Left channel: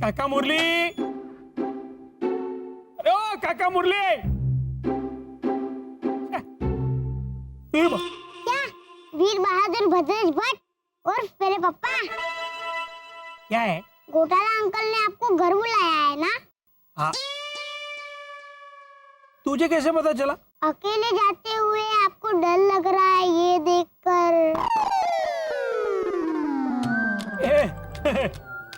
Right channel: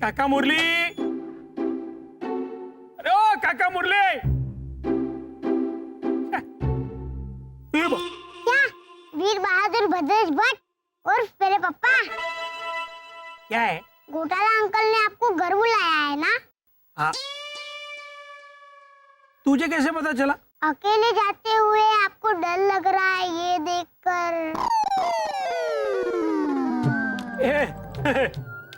काका मुरली, अरे ओ काका मुरली। क्या वीर बहादुर भद्रेश भट्ट और मेरे पापा? क्या है? घोटाला अंकल ने आपको घर बुलाया है ना? हाँ। तुझे कैसे पता चला? अकेले जाते हुए आपको डर लग रहा है ये देखकर।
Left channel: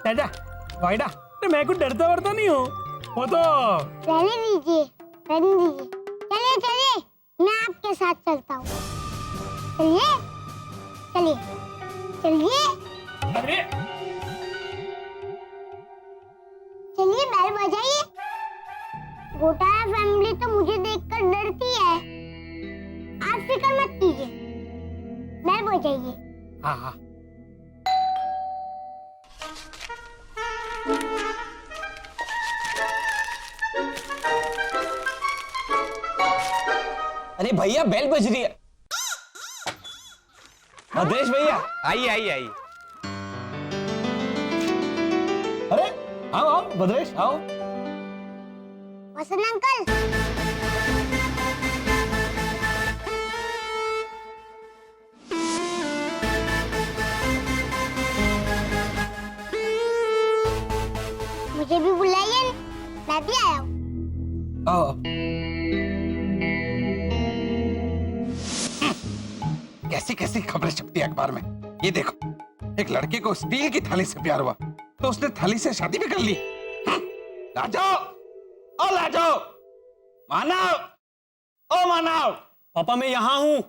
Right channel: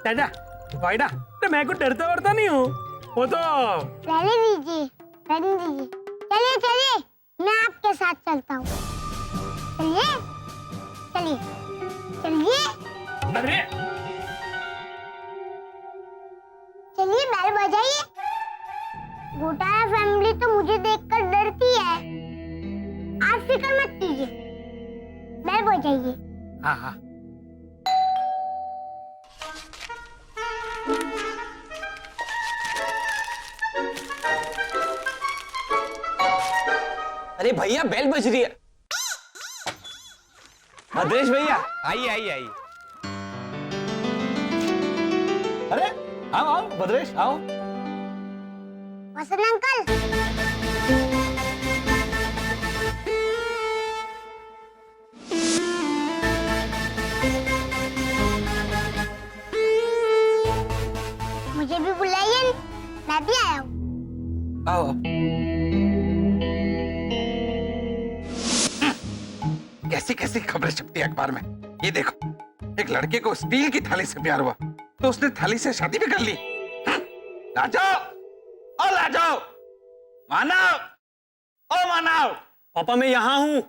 चाचा वाइडा, मैं कुछ डरता वरता नहीं हूँ, वो तो रहने दीजिए, रहने दीजिए। चलिए चलिए, मैं आपके साथ चलता हूँ। चलिए चलिए चलिए। अरे चलिए बैल बजाइए। घोटाला फैमिली तो मुझे देखकर डरती है, आप फिक्र मत कीजिए, बैल बजाइए। हाँ हाँ। अरे भैया बेल बज रही है। भद्रेश भैया आइए आइए आइए। अरे आओ आओ भद्रेश आओ। वसंत अंकल, मुझे भी बुलाइए, मैं भी आया हूँ। आओ। कैसी कैसी खबरें छपती है अखबार में। ये देखो, एक लड़के को स्टील की थाली से प्यार हुआ तो उसने थाली से शादी भी कर ली। लाजो, ओ लाजो, मानव, ओ मानव। पापा मैं यहाँ हूँ।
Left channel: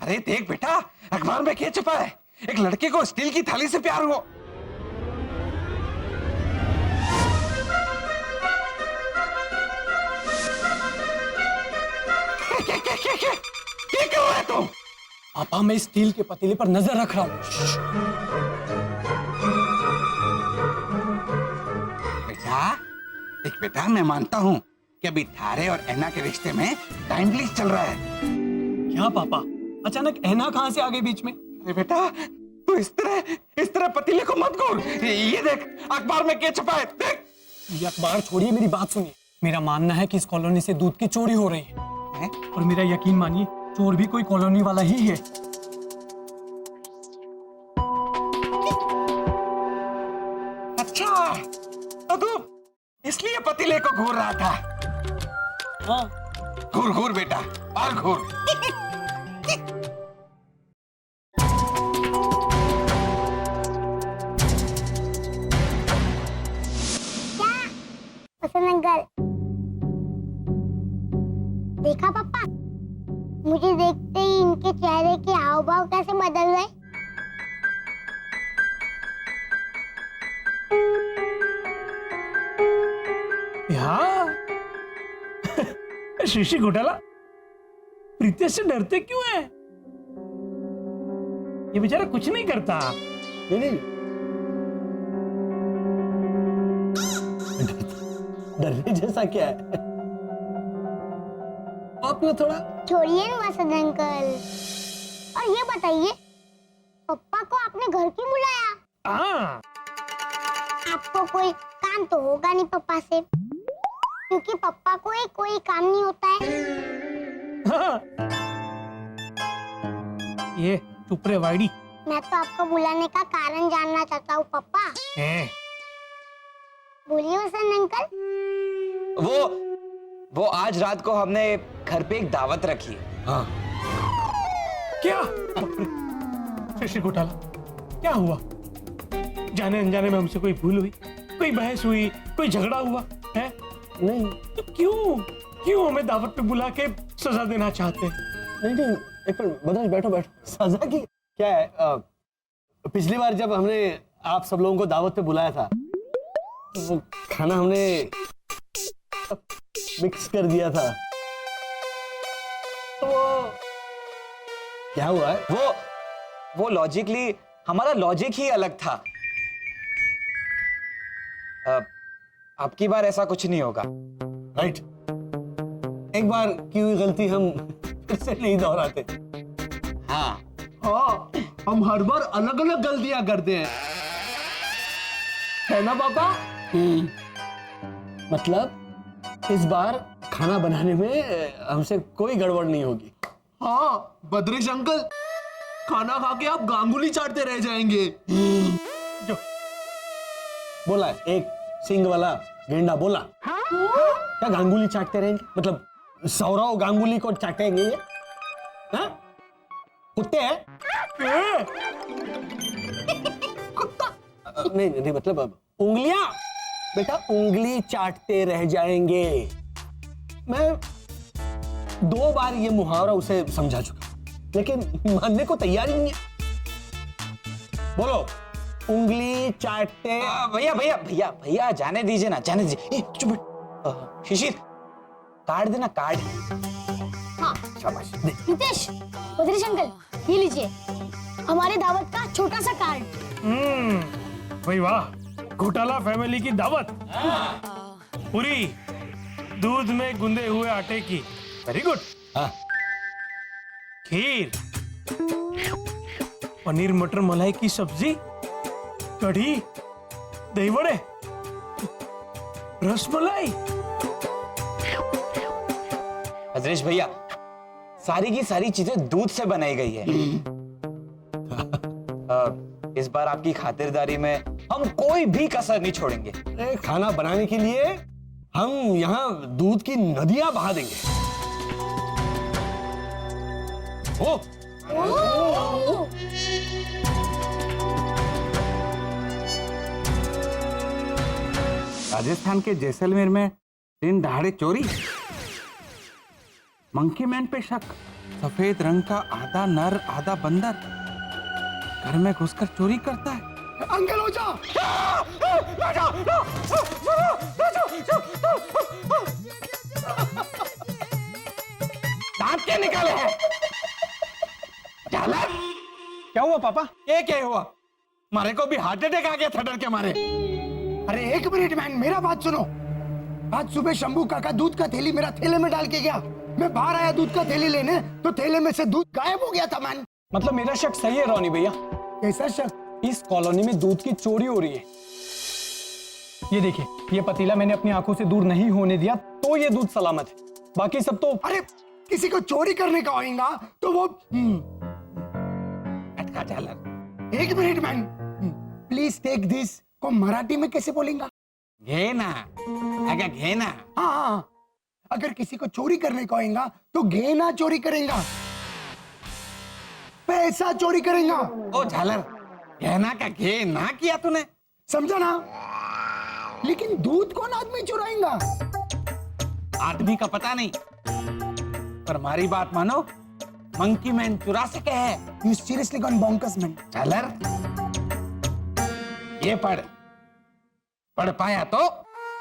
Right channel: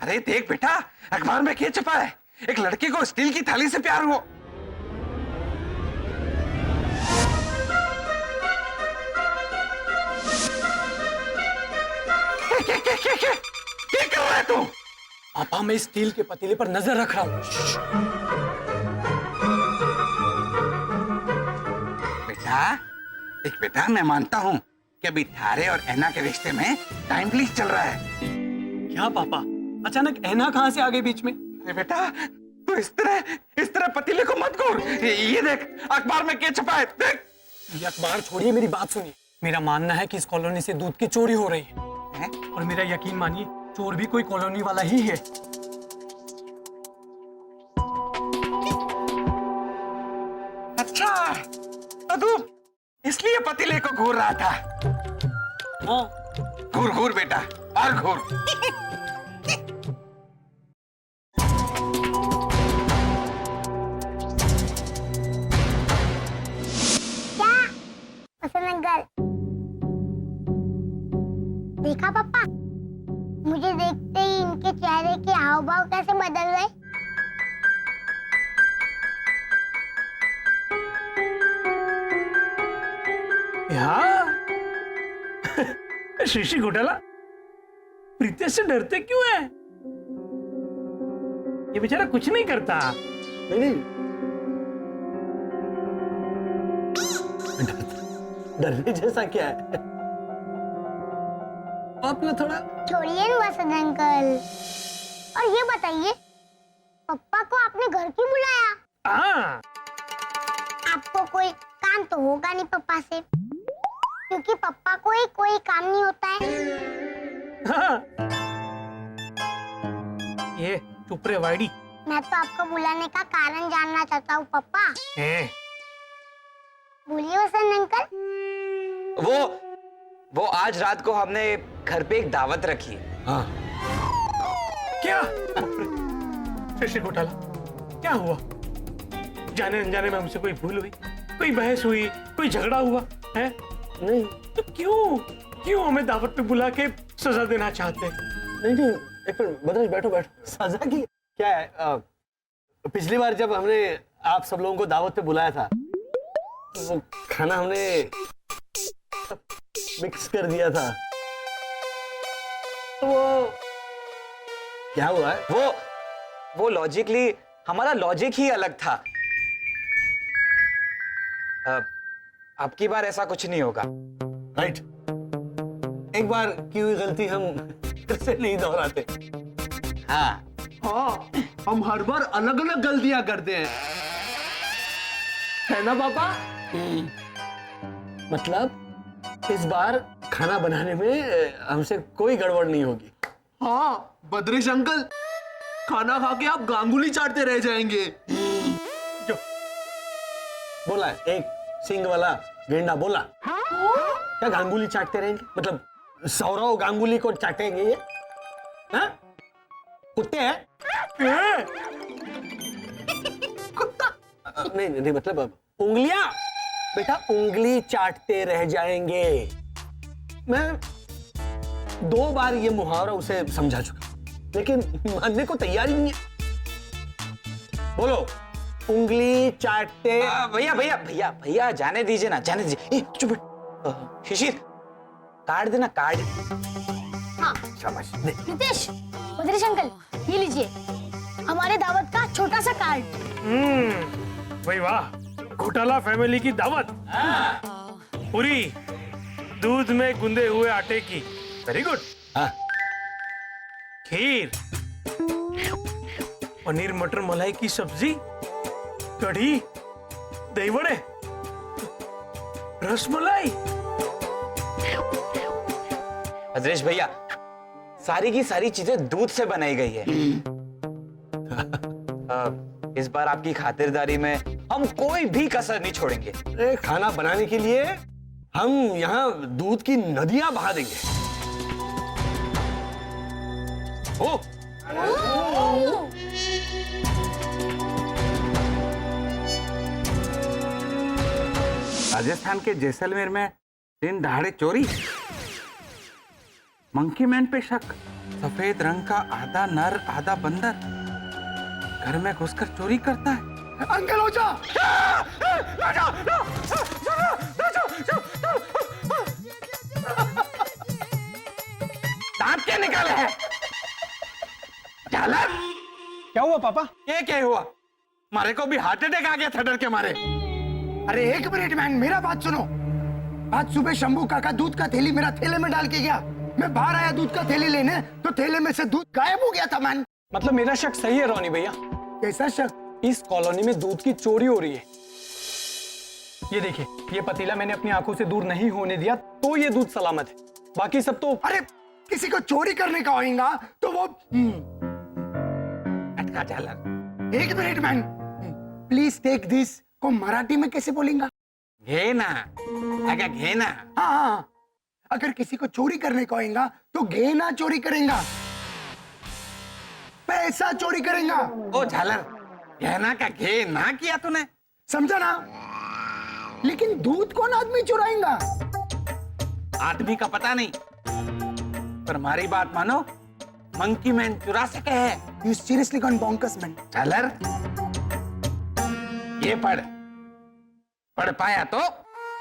अरे देख बेटा, अखबार में क्या छपा है, एक लड़के को स्टील की थाली से प्यार हुआ। क्या कर रहा है तू? पापा मैं स्टील के पतीले पर नजर रख रहा हूँ। बेटा देख बेटा, मैं मानता हूँ कि अभी थारे और ऐना के रिश्ते में टाइम प्लीज चल रहा है। क्या पापा, अचानक ऐना कहाँ से आ गई बीच में? अरे बेटा तू इस तरह पतीले को मत घोर। ये देख अखबार में क्या छपा है, देख। ये अखबार छोड़िए, मेरी बात सुनिए। मेरा मानना है कि इस कॉलोनी से दूध की चोरी हो रही है, और मेरा यकीन मानिए चोर भी कोई कॉलोनी वाला ही है। अच्छा तो तू इसलिए पतीले को घूर रहा था। हाँ। घूर घूर बेटा और घूर। क्या वसंत अंकल, देखा पापा, मुझे देखते ही इनके चेहरे के हाव भाव कैसे बदल गए। हाँ। शीशी घोटाला, प्रीतेश से डरते क्यों है? ये बेचारा कुछ नहीं करता। नहीं डरने जैसा क्या है? आपने थोड़ा छोड़िए ना वसंत अंकल, और ये बताइए पप्पा को आपने घर क्यों बुलाया? हाँ। आपको कोई काम तो होगा नहीं पप्पा से, क्योंकि पप्पा को ही कोई काम नहीं होता है। हाँ। ये चुप रे वाइडी। मैं तो आपको बुलाने का कारण जानना चाहता हूँ पप्पा। बोलिए वसंत अंकल। वो आज रात को हमने घर पे एक दावत रखी है। हाँ। क्या? शीशी घोटाला, क्या हुआ? जाने अनजाने में हमसे कोई भूल हुई, कोई बहस हुई, कोई झगड़ा हुआ है? नहीं तो क्यों हमें दावत पे बुला के सजा देना चाहते हैं? नहीं, एक मिनट भद्रेश, बैठो बैठो। सजा की क्या है? पिछली बार जब हमने आप सब लोगों को दावत पे बुलाया था, तो वो खाना हमने मिक्स कर दिया था, तो वो क्या हुआ है? वो लॉजिकली हमारा लॉजिक ही अलग था। अब की बार ऐसा कुछ नहीं होगा। राइट। एक बार की हुई गलती हम फिर से नहीं दोहराते। हाँ हाँ, हम हर बार अलग अलग गलतियां करते हैं, है ना पापा? मतलब इस बार खाना बनाने में हमसे कोई गड़बड़ नहीं होगी। हाँ बद्रेश अंकल, खाना खा के आप गांगुली चाटते रह जाएंगे। जो बोला है, एक सिंग वाला गेंडा बोला। क्या गांगुली चाटते रहेंगे? मतलब सौरव गांगुली को चाटेंगे ये? हाँ? कुत्ते हैं? नहीं नहीं, मतलब अब उंगलियां, बेटा उंगली चाटते रह जाएंगे। मैं 2 बार ये मुहावरा उसे समझा चुका, लेकिन मानने को तैयार ही नहीं है। बोलो, उंगली चाटते। भैया भैया भैया भैया जाने दीजिए ना, जाने दीजिए। ए, चुप बैठ। शिशिर, कार्ड देना, कार्ड। हाँ शाबाश दे। रितेश, बद्रेश अंकल, ये लीजिए हमारे दावत का छोटा सा कार्ड। भाई वाह, घोटाला फैमिली की दावत पूरी दूध में गुंदे हुए आटे की। Very good. हाँ। खीर, पनीर मटर मलाई की सब्जी, कढ़ी, दही बड़े, रसमलाई। भद्रेश भैया, सारी की सारी चीजें दूध से बनाई गई है। इस बार आपकी खातिरदारी में हम कोई भी कसर नहीं छोड़ेंगे। अरे खाना बनाने के लिए हम यहाँ दूध की नदियां बहा देंगे। ओ राजस्थान के जैसलमेर में दिन दहाड़े चोरी, मंकी मैन पे शक, सफेद रंग का आधा नर आधा बंदर घर में घुसकर चोरी करता है। अंकल हो जा। दांत क्या निकाले हैं? झालर, क्या हुआ पापा? ये क्या हुआ? मारे को भी हार्ट अटैक आ गया था डर के मारे। अरे एक मिनट मैन, मेरा बात सुनो। आज सुबह शंभू काका दूध का थैली मेरा थैले में डाल के गया। मैं बाहर आया दूध का थैली लेने, तो थैले में से दूध गायब हो गया था मैन। मतलब मेरा शक सही है रोनी भैया, कैसा शक? इस कॉलोनी में दूध की चोरी हो रही है। ये देखिए, ये पतीला मैंने अपनी आंखों से दूर नहीं होने दिया, तो ये दूध सलामत है। बाकी सब तो अरे किसी को चोरी करने का होगा तो वो अटका झालर। एक minute man, please take this को मराठी में कैसे बोलेंगा? घेना, अगर घेना। हाँ हाँ, अगर किसी को चोरी करने का होगा तो घेना चोरी करेगा, पैसा चोरी करेगा। ओ झालर, घेना का घे ना किया तूने? समझा ना? लेकिन दूध कौन आदमी चुराएगा? आदमी का पता नहीं, पर हमारी बात मानो, मंकी मैन चुरा सके है। You seriously gone bonkers man? झालर, ये पढ़, पढ़ पाया तो,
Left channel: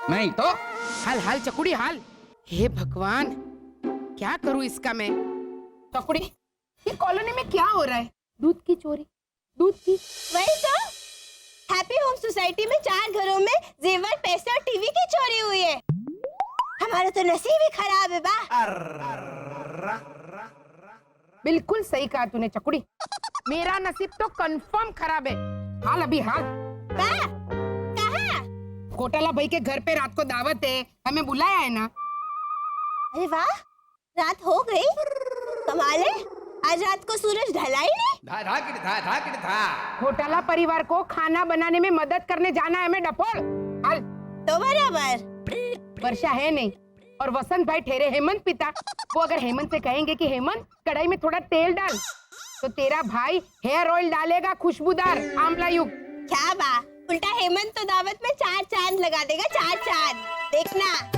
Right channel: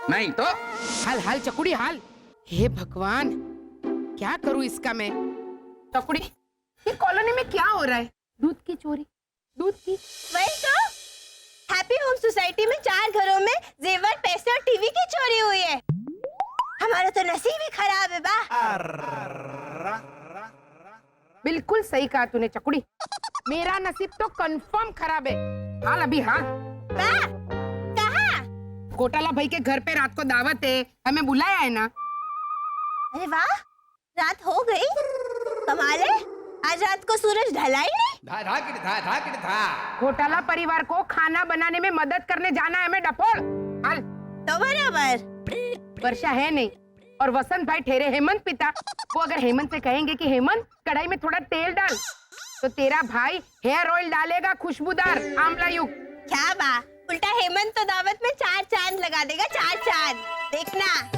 नहीं तो हाल हाल चकुड़ी हाल। हे भगवान, क्या करूं इसका मैं? चकुड़ी, ये कॉलोनी में क्या हो रहा है? दूध की चोरी, दूध की। वही तो, हैप्पी होम सोसाइटी में 4 घरों में जेवर, पैसे और टीवी की चोरी हुई है। हमारा तो नसीब ही खराब है बा। बिल्कुल सही कहा तूने चकुड़ी, मेरा नसीब तो कंफर्म खराब है। हाल अभी हाल। बा, कहाँ? घोटाला भाई के घर पे रात को दावत है, हमें बुलाया है ना? अरे वाह, रात हो गई। कमाल है, आज रात को सूरज ढला ही नहीं। घोटाला परिवार को खाना बनाने में मदद करने जाना है मैं डपोड़। हाल तो बराबर। वर्षा है नहीं और वसंत भाई ठहरे हेमंत पिता। वो अगर हेमंत से कहेंगे कि हेमंत कढ़ाई में थोड़ा तेल डाल, तो तेरा भाई हेयर ऑयल डालेगा खुशबूदार आंवला युक्त। क्या बा, उल्टा हेमंत तो दावत में 4 चांद लगा देगा, 4 चांद। देखना।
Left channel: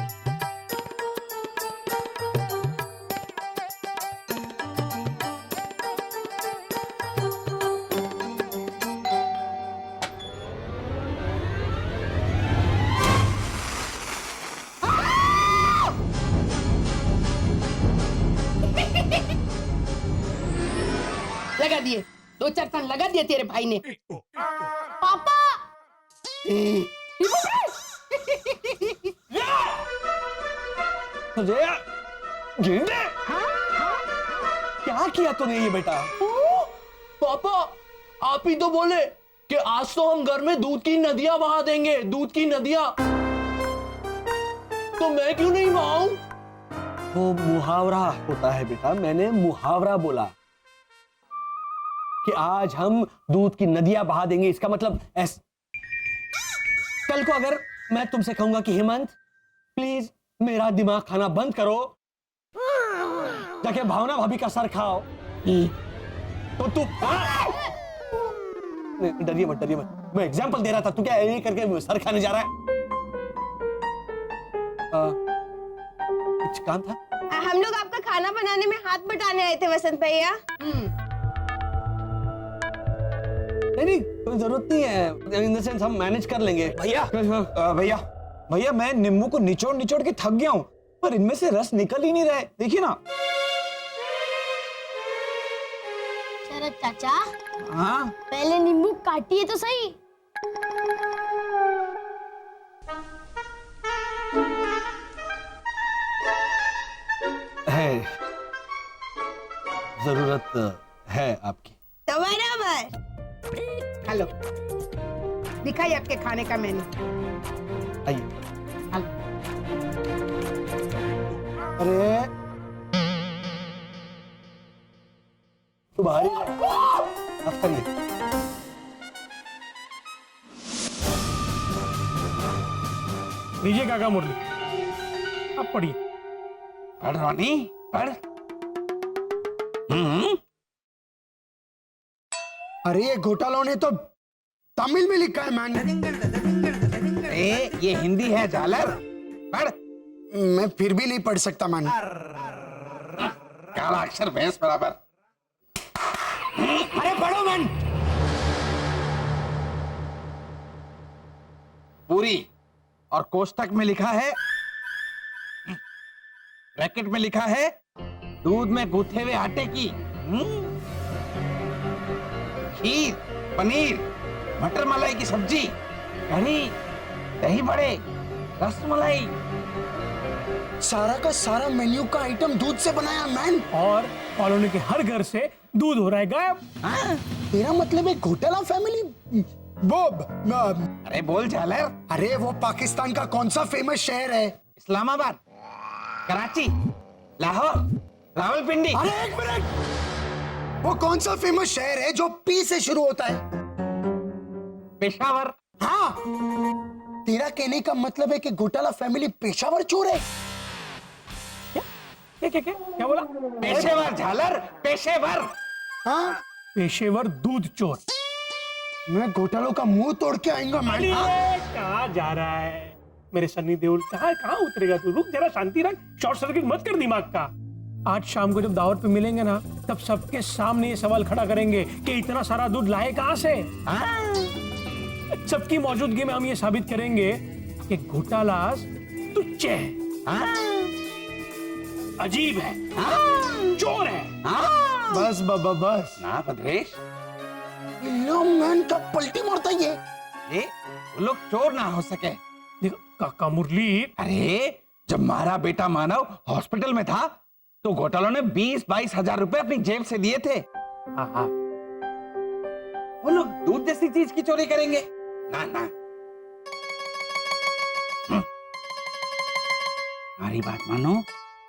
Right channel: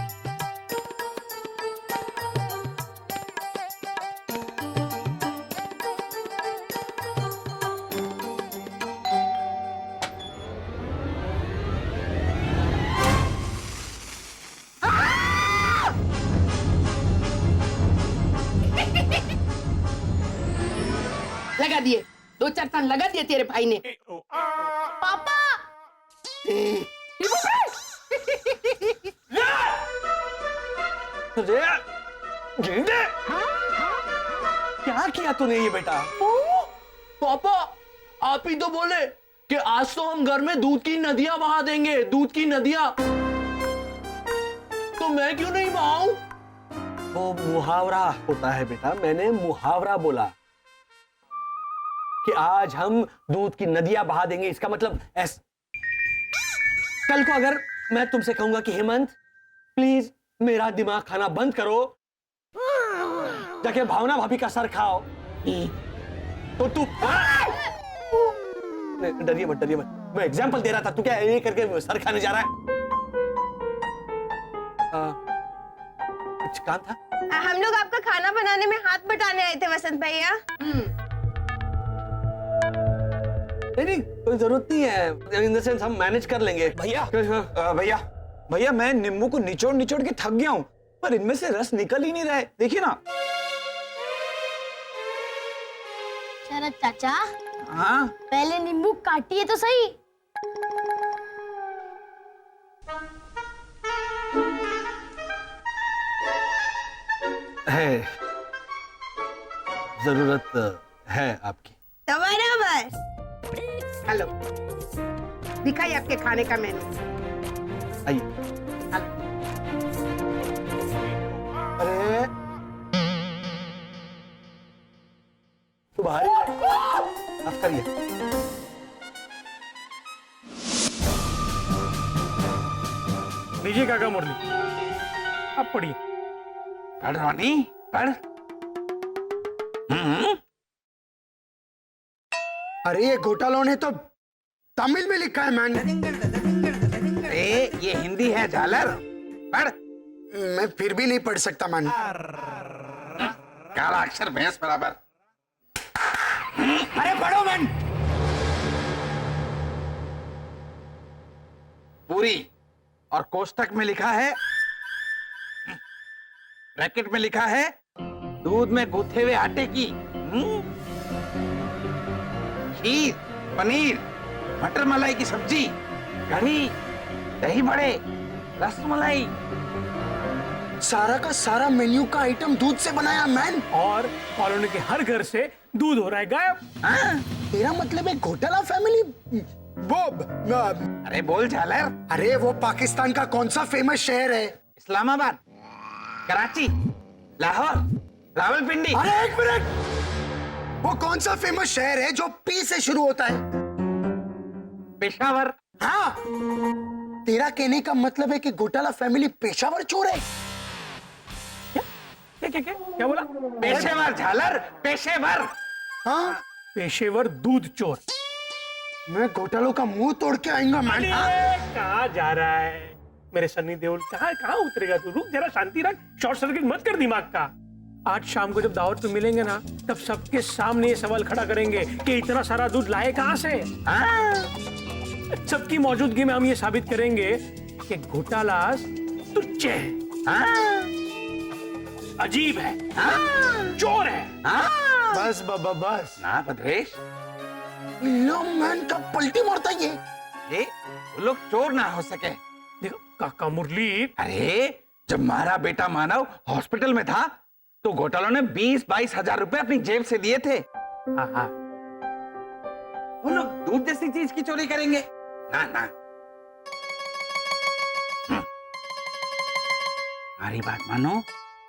लगा दिए, 2-4 टन लगा दिए तेरे भाई ने। पापा, अरे गेंडे, क्या किया तूने ये बेटा? पापा, आप ही तो बोले कि आज तो हम घर में दूध की नदियां बहा देंगे, दूध की नदियां। तो मैं क्यों नहीं बहाऊं? वो मुहावरा होता है बेटा, मैंने मुहावरा बोला कि आज हम दूध की नदियां बहा देंगे। इसका मतलब कल को अगर मैं तुमसे कहूंगा कि हेमंत प्लीज मेरा दिमाग खाना बंद करो, जाके भावना भाभी का सर खाओ, तो तू डरिए मत, डरिए मत, मैं एग्जाम्पल दे रहा था। तू क्या ये करके सर खाने जा रहा है? कुछ काम था? हम लोग आपका खाना बनाने में हाथ बटाने आए थे वसंत भैया। नहीं, कोई जरूरत नहीं है, इन द सेंस हम मैनेज कर लेंगे। भैया भैया भैया मैं नींबू को निचोड़ निचोड़ के थक गया हूं, पर इनमें से रस निकल ही नहीं रहा है। देखिए ना। शरद चाचा, हाँ पहले नींबू काटिए तो सही। है, जरूरत है आपकी। तो बराबर। हेलो, दिखाइए आपके खाने का मेन्यू। आइए। हेलो। अरे तू बाहर ही माफ करिए। लीजिए काका मुरली, अब पढ़िए। पढ़ रोनी पढ़। अरे ये घोटालों ने तो तमिल में लिखा है मैन। अरे ये हिंदी है झालर, पढ़। मैं फिर भी नहीं पढ़ सकता मैन। काला अक्षर भैंस बराबर। अरे पढ़ो मैन। पूरी और कोष्टक में लिखा है, ब्रैकेट में लिखा है दूध में गूथे हुए आटे की खीर, पनीर, मटर मलाई की सब्जी, कढ़ी, दही बड़े, रसमलाई। सारा का सारा मेन्यू का आइटम दूध से बनाया मैन। और कॉलोनी के हर घर से दूध हो रहा है गायब। तेरा मतलब है घोटाला फैमिली वो अरे बोल झालर। अरे वो पाकिस्तान का कौन सा फेमस शहर है? इस्लामाबाद, कराची, लाहौर, रावलपिंडी। अरे एक मिनट, वो कौन सा फेमस शहर है जो पी से शुरू होता है? पेशावर। हाँ, तेरा कहने का मतलब है कि घोटाला फैमिली पेशावर चोर है? क्या बोला? पेशेवर झालर, पेशेवर। हाँ, पेशेवर दूध चोर। मैं घोटालों का मुंह तोड़ के आऊंगा मैन। कहाँ जा रहा है मेरे सन्नी देओल? कहाँ उतरेगा तू? रुक जरा, शांति रख, शॉर्ट सर्किट मत कर दिमाग का। आज शाम को जब दावत पे मिलेंगे ना, तब सबके सामने ये सवाल खड़ा करेंगे कि इतना सारा दूध लाए कहां से। सबकी मौजूदगी में हम ये साबित करेंगे कि घोटाला तुच्छ है, अजीब है, चोर है। बस बाबा बस ना भद्रेश, लो मैन का पलटी मारता ये। ये वो लोग चोर ना हो सके। देखो काका मुरली, अरे जब हमारा बेटा मानव हॉस्पिटल में था तो घोटालों ने 20-22 हजार रुपए अपनी जेब से दिए थे। वो लोग दूध जैसी चीज की चोरी करेंगे? ना ना। हमारी बात मानो,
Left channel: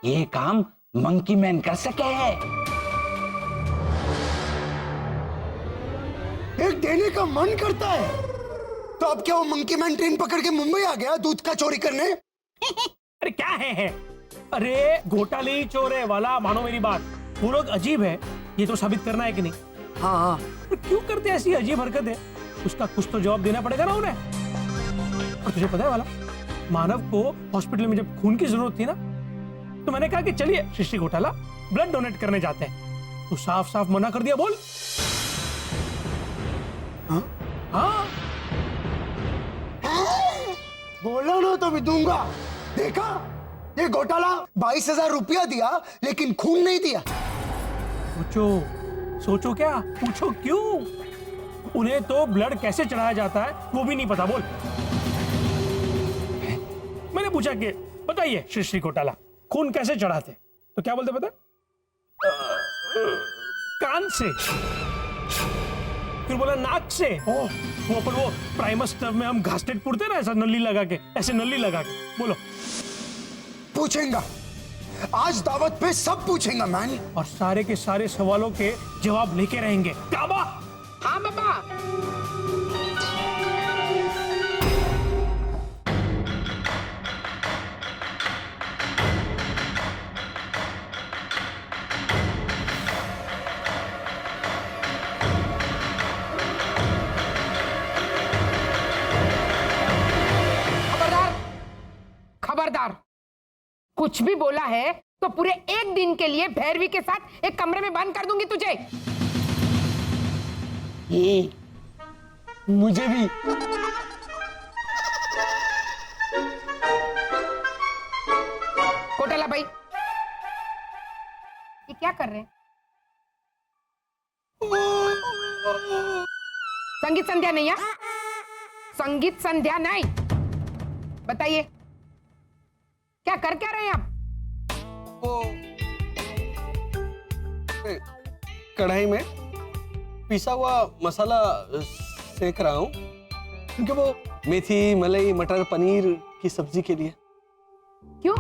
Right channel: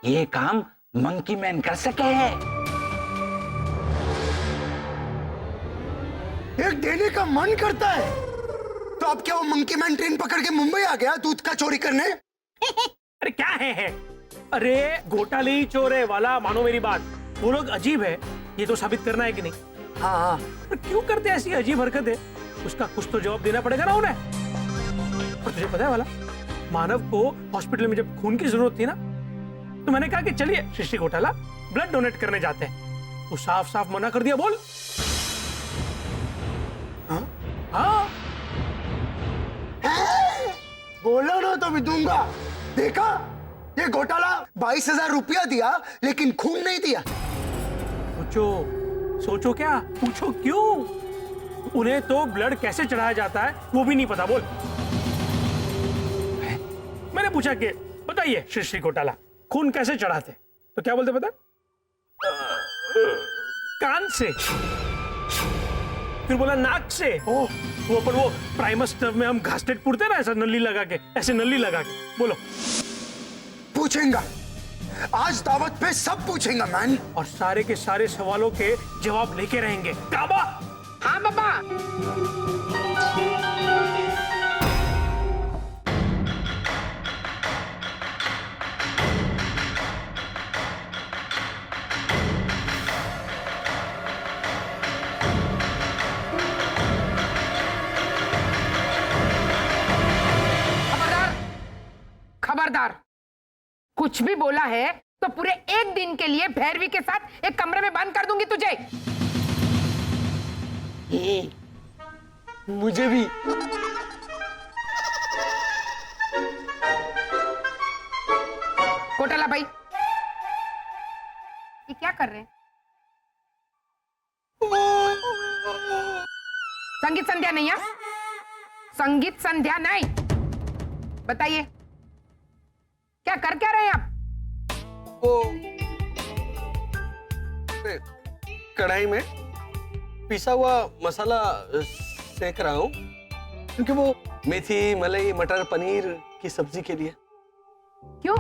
ये काम मंकी मैन कर सके है। एक देने का मन करता है तो अब क्या वो मंकी मैन ट्रेन पकड़ के मुंबई आ गया दूध का चोरी करने? अरे क्या है? अरे घोटाले ही चोर है वाला, मानो मेरी बात। वो लोग अजीब है, ये तो साबित करना है कि नहीं? हाँ हाँ। तो क्यों करते ऐसी अजीब हरकतें? उसका कुछ तो जवाब देना पड़ेगा ना उन्हें। और तुझे पता है वाला, मानव को हॉस्पिटल में जब खून की जरूरत थी ना, तो मैंने कहा कि चलिए सृष्टि घोटाला ब्लड डोनेट करने जाते हैं। तो साफ साफ मना कर दिया। बोल। हाँ बोलो ना तो भी दूंगा। देखा, ये घोटाला 22,000 रुपया दिया लेकिन खून नहीं दिया। सोचो क्या, पूछो क्यों? उन्हें तो ब्लड कैसे चढ़ाया जाता है वो भी नहीं पता। बोल। मैंने पूछा कि बताइए सृष्टि घोटाला खून कैसे चढ़ाते, तो क्या बोलते पता? कान से। फिर बोला नाक से। वो अपन वो प्राइमस स्टफ में हम घासलेट पुरते ना, ऐसा नली लगा के, ऐसे नली लगा के। बोलो। पूछेंगा, आज दावत पे सब पूछेंगा मैन। और सारे के सारे सवालों के जवाब लेके रहेंगे। काबा। हाँ बाबा। खबरदार, खबरदार, कुछ भी बोला है तो पूरे एक दिन के लिए भैरवी के साथ एक कमरे में बंद कर दूंगी तुझे। मुझे भी। कोटाला भाई, ये क्या कर रहे हैं? संगीत संध्या नहीं है? संगीत संध्या नहीं। बताइए क्या कर क्या रहे हैं आप? वो कढ़ाई में पिसा हुआ मसाला सेक रहा हूं, क्योंकि वो मेथी, मलाई, मटर पनीर की सब्जी के लिए। क्यों?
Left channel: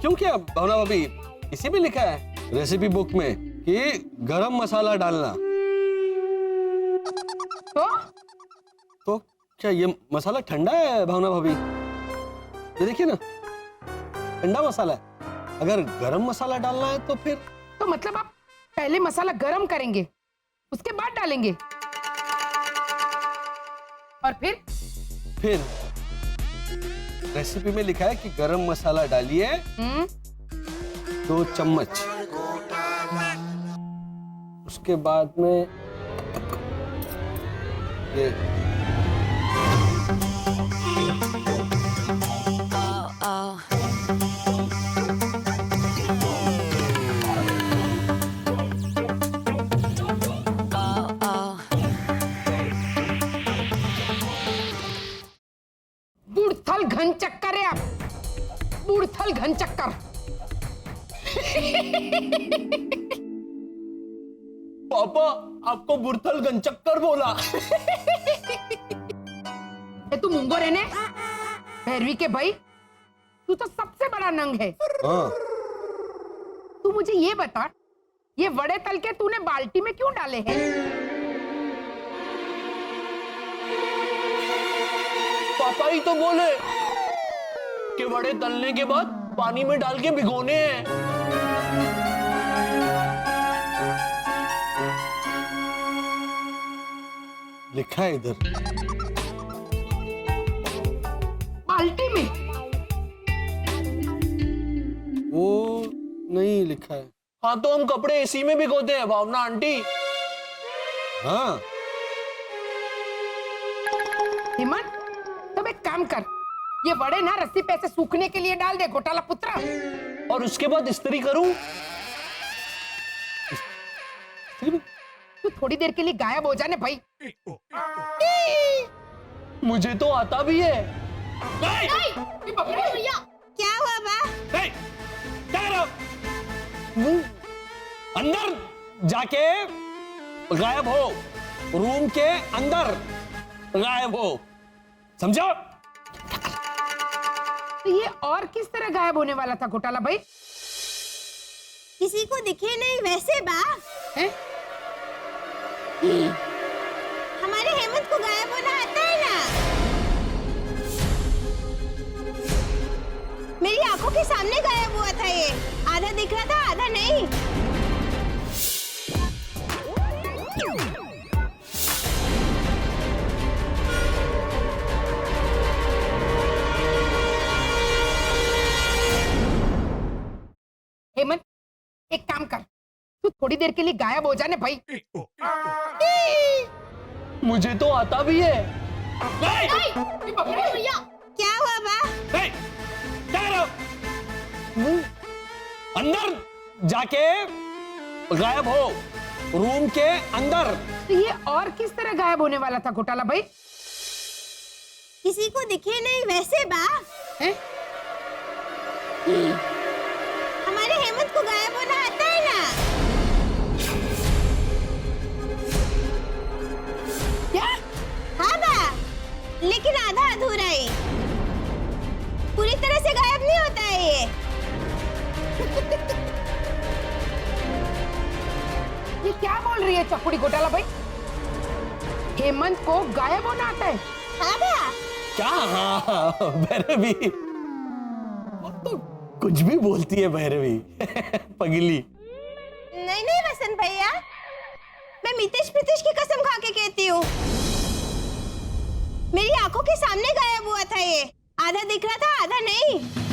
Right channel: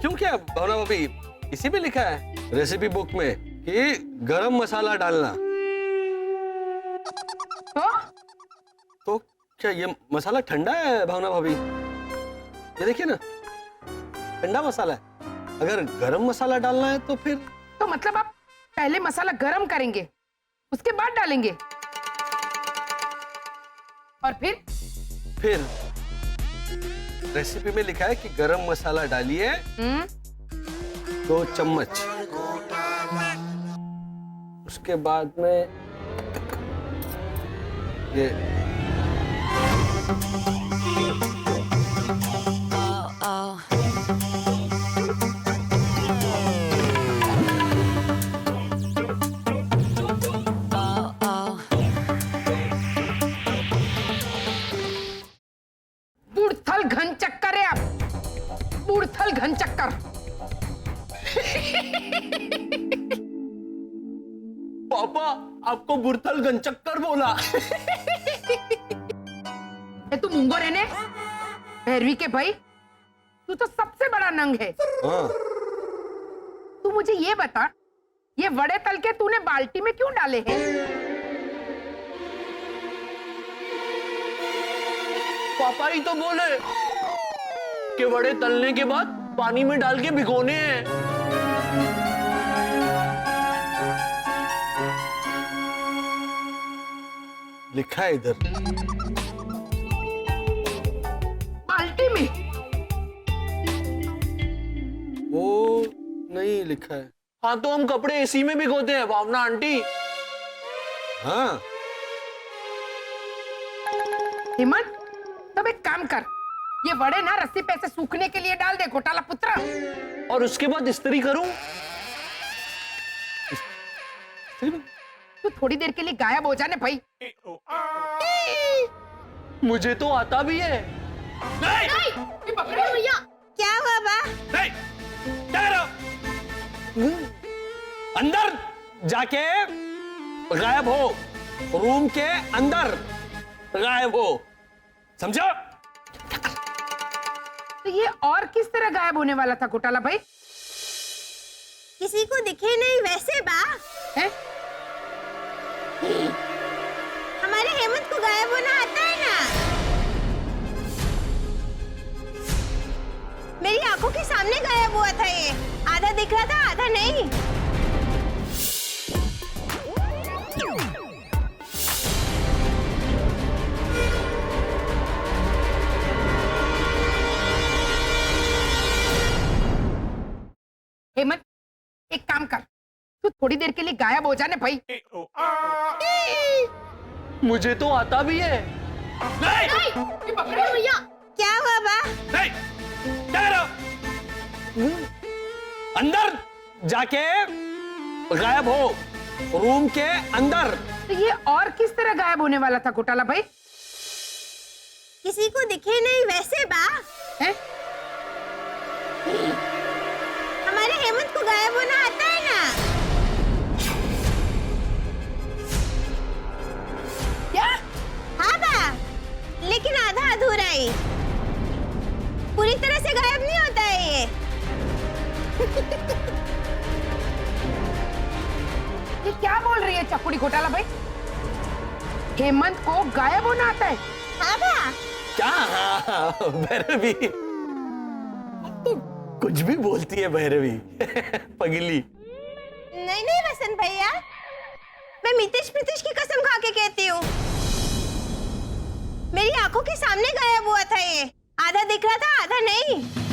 क्यों क्या भावना भाभी, इसी में लिखा है रेसिपी बुक में कि गरम मसाला डालना। तो क्या ये मसाला ठंडा है भावना भाभी? ये देखिए ना, ठंडा मसाला है। अगर गरम मसाला डालना है तो फिर तो मतलब आप पहले मसाला गरम करेंगे, उसके बाद डालेंगे, और फिर रेसिपी में लिखा है कि गरम मसाला डालिए 2 चम्मच। उसके बाद में ये बुढ़थल घन चक्कर है आप, बुढ़थल घन चक्कर। पापा आपको बुढ़थल गंचक्कर बोला। ये तू मुंगो रहने भैरवी के भाई, तू तो सबसे बड़ा नंग है। हाँ। तू मुझे ये बता, ये वड़े तल के तूने बाल्टी में क्यों डाले हैं? पापा ही तो बोले कि वड़े तलने के बाद पानी में डाल के भिगोने हैं। लिखा है इधर बाल्टी में। वो नहीं लिखा है। हाँ तो हम कपड़े एसी में भिगोते हैं भावना आंटी। हाँ। हेमंत, तब एक काम कर, ये वड़े ना रस्सी पे से सूखने के लिए डाल दे घोटाला पुत्र। और उसके बाद इस्त्री करूं? तू थोड़ी देर के लिए गायब हो जाने भाई। मुझे तो आता भी है। भैया क्या हुआ बा? नहीं, क्या कर रहे हो? अंदर जाके गायब हो, रूम के अंदर गायब हो, समझो? तो ये और किस तरह गायब होने वाला था घोटाला भाई? किसी को दिखे नहीं वैसे बा। हैं? हमारे हेमंत को गायब होना आता है ना। मेरी आंखों के सामने गायब हुआ था ये। आधा दिख रहा था, आधा नहीं। हेमंत, एक काम कर, तू थोड़ी देर के लिए गायब हो जाने भाई। मुझे तो आता भी है। भैया क्या हुआ बा? नहीं, क्या कर रहे हो? अंदर जाके गायब हो, रूम के अंदर। तो ये और किस तरह गायब होने वाला था घोटाला भाई? किसी को दिखे नहीं वैसे बा। हैं? हमारे हेमंत को गायब होना आता है ना। लेकिन आधा अधूरा ही। पूरी तरह से गायब नहीं होता है ये। ये क्या बोल रही है चकुड़ी घोटाला भाई? हेमंत को गायब होना आता है? हाँ भैया। क्या? हाँ, भैरवी तो कुछ भी बोलती है भैरवी। पगली। नहीं नहीं वसंत भैया, मैं मितेश प्रीतेश की कसम खा के कहती हूँ, मेरी आंखों के सामने गायब हुआ था ये। आधा दिख रहा था, आधा नहीं।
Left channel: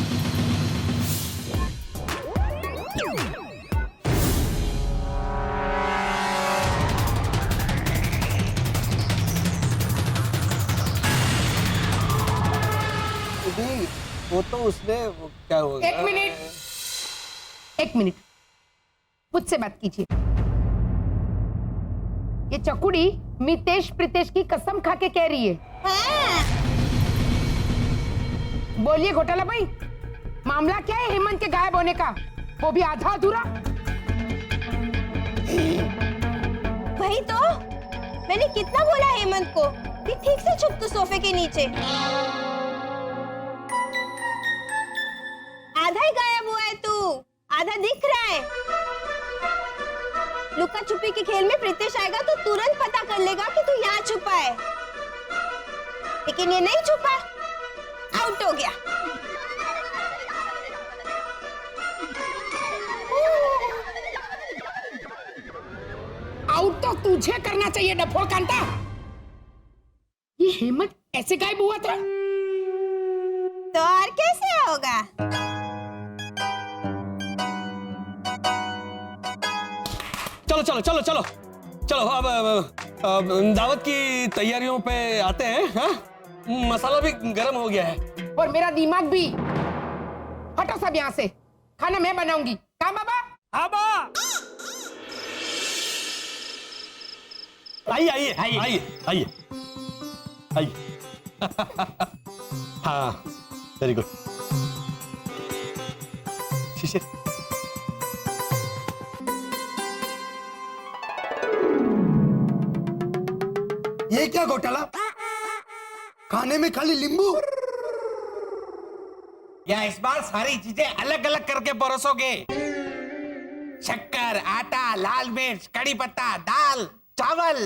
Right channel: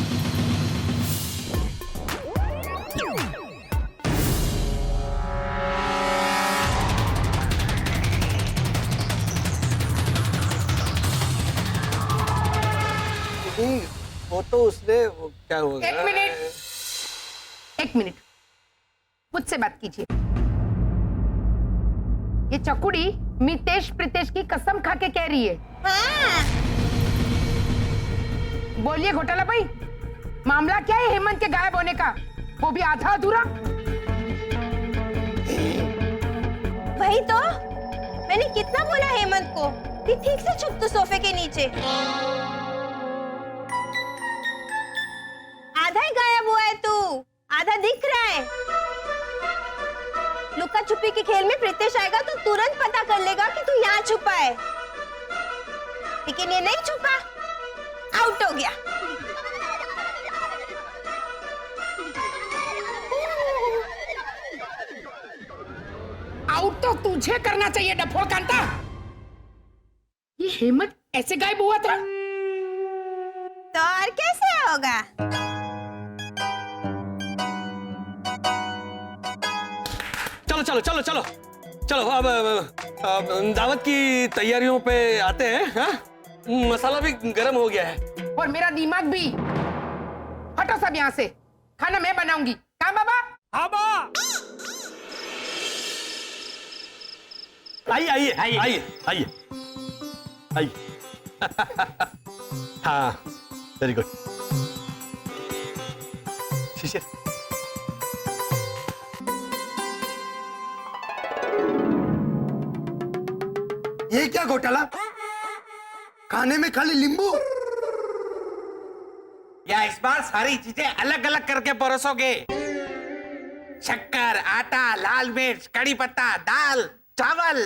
वो तो उसने क्या हुआ? एक मिनट मुझसे बात कीजिए। ये चकुड़ी मितेश प्रीतेश की कसम खा के कह रही है। हाँ। बोलिए घोटाला भाई, मामला क्या है हेमंत के गायब होने का, वो भी आधा अधूरा? वही तो मैंने कितना बोला हेमंत को कि ठीक से छुप तू सोफे के नीचे। आधा ही गायब हुआ है तू, आधा दिख रहा है। लुका छुपी के खेल में प्रीतेश आएगा तो तुरंत पता कर लेगा कि तू यहाँ छुपा है, लेकिन ये नहीं छुपा, आउट हो गया। आउट तो तुझे करना चाहिए डफोड़ कांता। ये हेमंत ऐसे गायब हुआ था? तो और कैसे होगा? चलो चलो चलो चलो चलो अब दावत की तैयारियों पे आते हैं। हाँ? मसाला भी गरम हो गया है और मेरा दिमाग भी। हटो सब यहाँ से, खाना मैं बनाऊंगी। कहाँ बाबा? हाँ बा। आइए आइए आइए आइए आइए। हाँ वेरी गुड। शिशिर ये क्या घोटाला? खाने में खाली नींबू? या इस बार सारी चीजें अलग अलग करके परोसोगे? शक्कर, आटा, लाल मिर्च, कड़ी पत्ता, दाल, चावल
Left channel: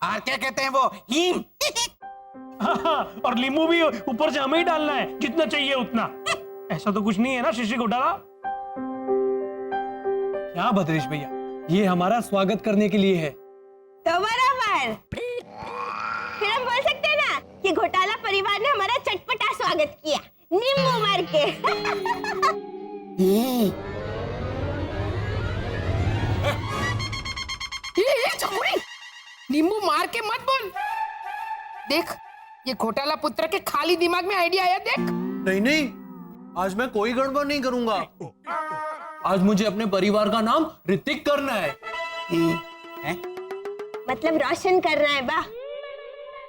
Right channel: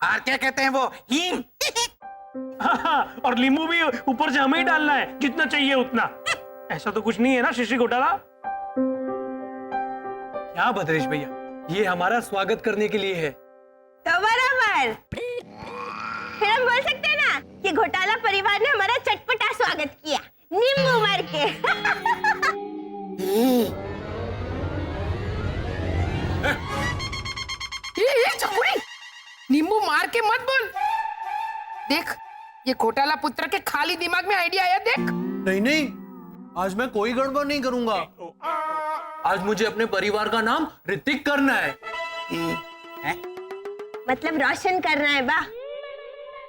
और क्या कहते हैं वो, हींग। हाँ, और नींबू भी ऊपर से हमें ही डालना है, जितना चाहिए उतना। ऐसा तो कुछ नहीं है ना शिशी घोटाला? क्या भद्रेश भैया, ये हमारा स्वागत करने के लिए है। तो बराबर। फिर हम बोल सकते हैं ना कि घोटाला परिवार ने हमारा चटपटा स्वागत किया, नींबू मार के। ये चकुड़ी, नींबू मार के मत बोल। देख, ये घोटाला पुत्र के खाली दिमाग में आइडिया आया। देख, नहीं नहीं, आज मैं कोई गड़बड़ नहीं करूंगा। आज मुझे अपने परिवार का नाम ऋतिक करना है। मतलब रोशन करना है बा।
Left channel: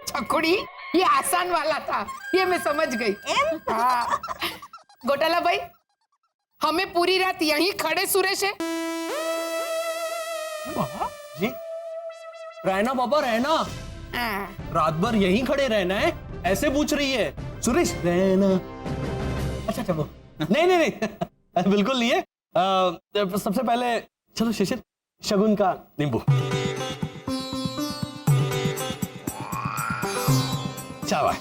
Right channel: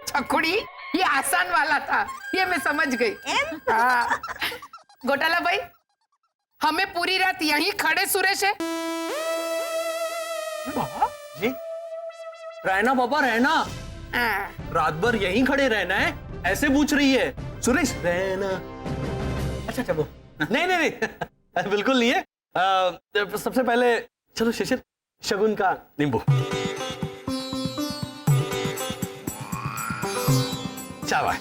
चकुड़ी, ये आसान वाला था, ये मैं समझ गई। हाँ। घोटाला भाई, हमें पूरी रात यहीं खड़े सुरेश है। जी रहना पापा, रहना। रात भर यहीं खड़े रहना है, ऐसे पूछ रही है। सुरेश रहना। अच्छा चलो। नहीं नहीं नहीं, बिल्कुल नहीं है। सबसे पहले चलो शिशिर, शगुन का नींबू। चावा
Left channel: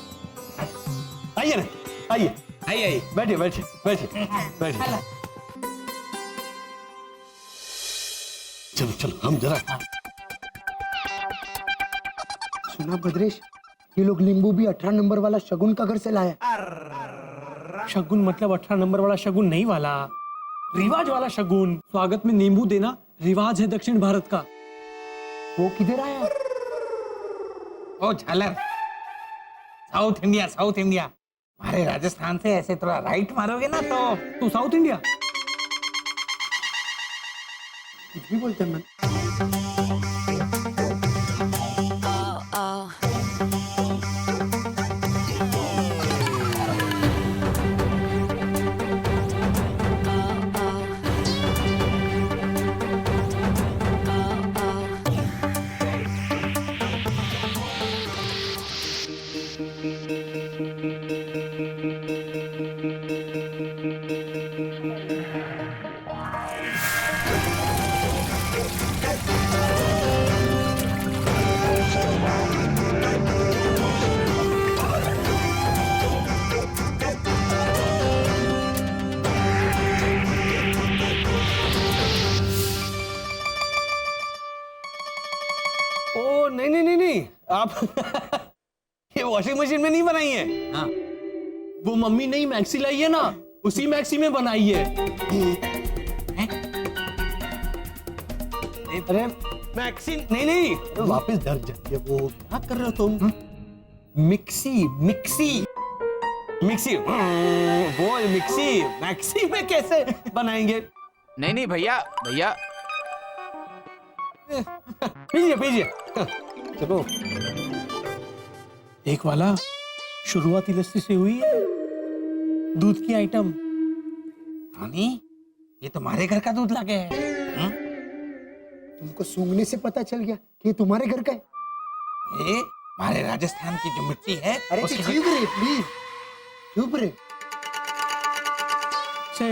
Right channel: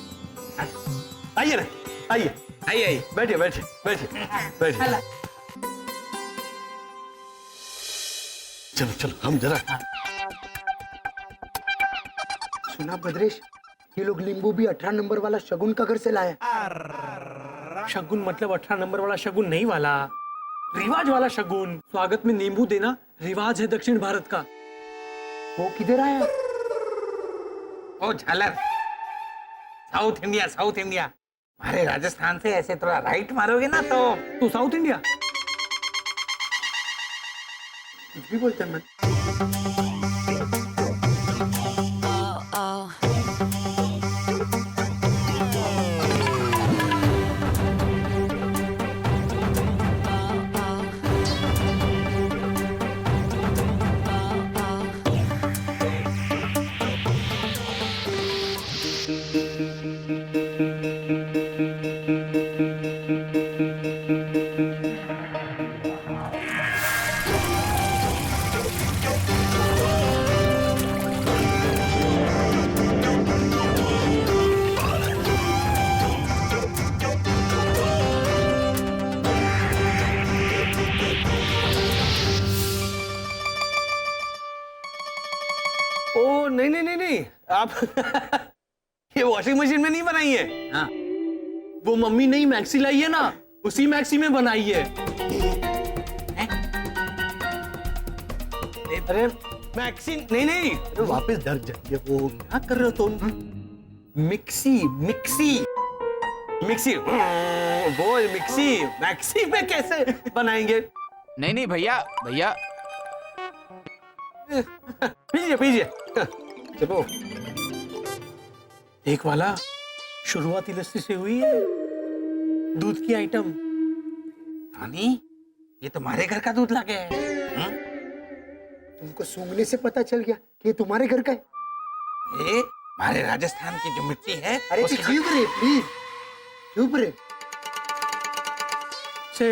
आइए ना, आइए आइए आइए, बैठिए बैठिए बैठिए बैठिए। चलो चलो हम जरा। सुना भद्रेश, ये लोग नींबू भी 18 नंबर वाला शगुन का घर से लाया। शगुन मतलब 18 नंबर वाला शगुन नहीं वाला, रिवाज वाला शगुन। स्वागत में नींबू देना रिवाज है दक्षिण भारत का। वो किधर आया? ओ झालर, साउथ इंडिया, साउथ इंडिया। हमारे राजस्थान से ऐसे थोड़ा राइट मारोगे ना तो तो साउथ इंडिया। कुछ भी बोलते हैं मन। आप ये वॉशिंग मशीन में नहीं बनाई है? हाँ। वो मम्मी नहीं मैक्सी लाई है ना, उसी मैक्सी में बनाई है। अरे मैक्सी नहीं नहीं, अरे वापस डर जाइए। वो क्या कर रहे हो तुम? मिक्सी मिक्सी मिक्सी, वो मिक्सी मैक्सी में कैसे बनाएंगे? नहीं भैया भैया, पीजिए पीजिए, चलो। एक वाला शुरुआती लस्सी से हुई है, दूध की आइटम। रानी, ये तुम्हारे घर का दूध लागे है। तुमको सूंघने से पता चल गया कि ये तुम्हारे घर का है। ए, हमारे राजस्थान की जो मिट्टी है अरे उसके चुप रहे प्लीज, चुप रहे। से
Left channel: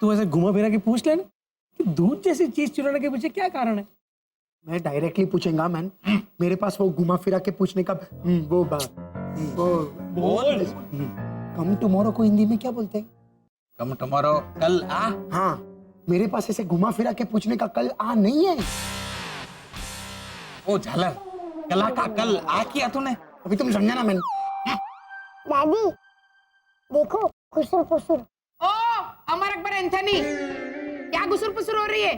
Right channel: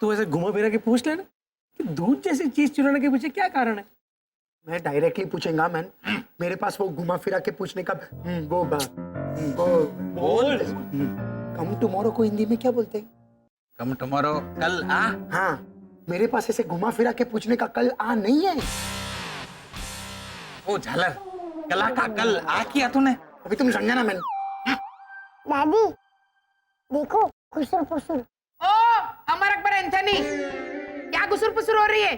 तू ऐसे घुमा फिरा के पूछ लेना कि दूध जैसी चीज चुराने के पीछे क्या कारण है। मैं डायरेक्टली पूछेगा मैन, मेरे पास वो घुमा फिरा के पूछने का वो बोल। कम टुमारो को हिंदी में क्या बोलते हैं? कम टुमारो, कल आ। हाँ, मेरे पास ऐसे घुमा फिरा के पूछने का कल आ नहीं है। ओ झालर, कला का कल आ किया तूने। अभी तुम समझा ना मैन। दादी देखो खुसुर फुसुर। ओ अमर अकबर एंथनी, क्या गुसुर पुसुर हो रही है?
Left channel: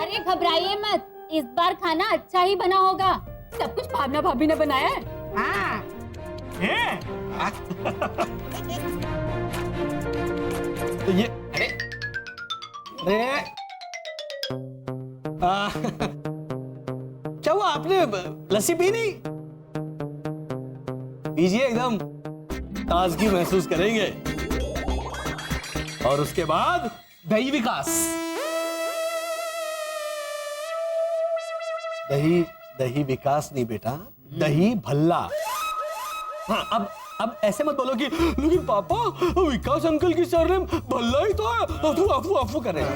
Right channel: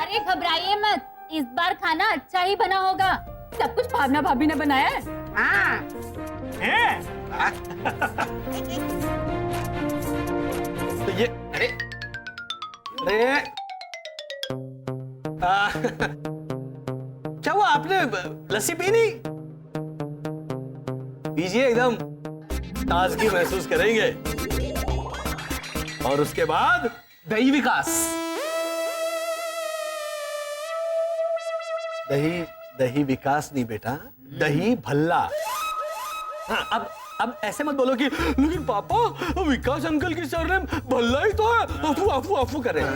अरे घबराइए मत, इस बार खाना अच्छा ही बना होगा। सब कुछ भावना भाभी ने बनाया है। हाँ। तो ये अरे क्या हुआ, आपने लस्सी पी नहीं? पीजिए, एकदम ताजगी महसूस करेंगे। और उसके बाद दही विकास। दही दही विकास नहीं बेटा, दही भल्ला। हाँ, अब ऐसे मत बोलो कि लेकिन पापा विकास अंकल की सरनेम भल्ला ही तो है। अफू अफू अफू कर रहे हैं।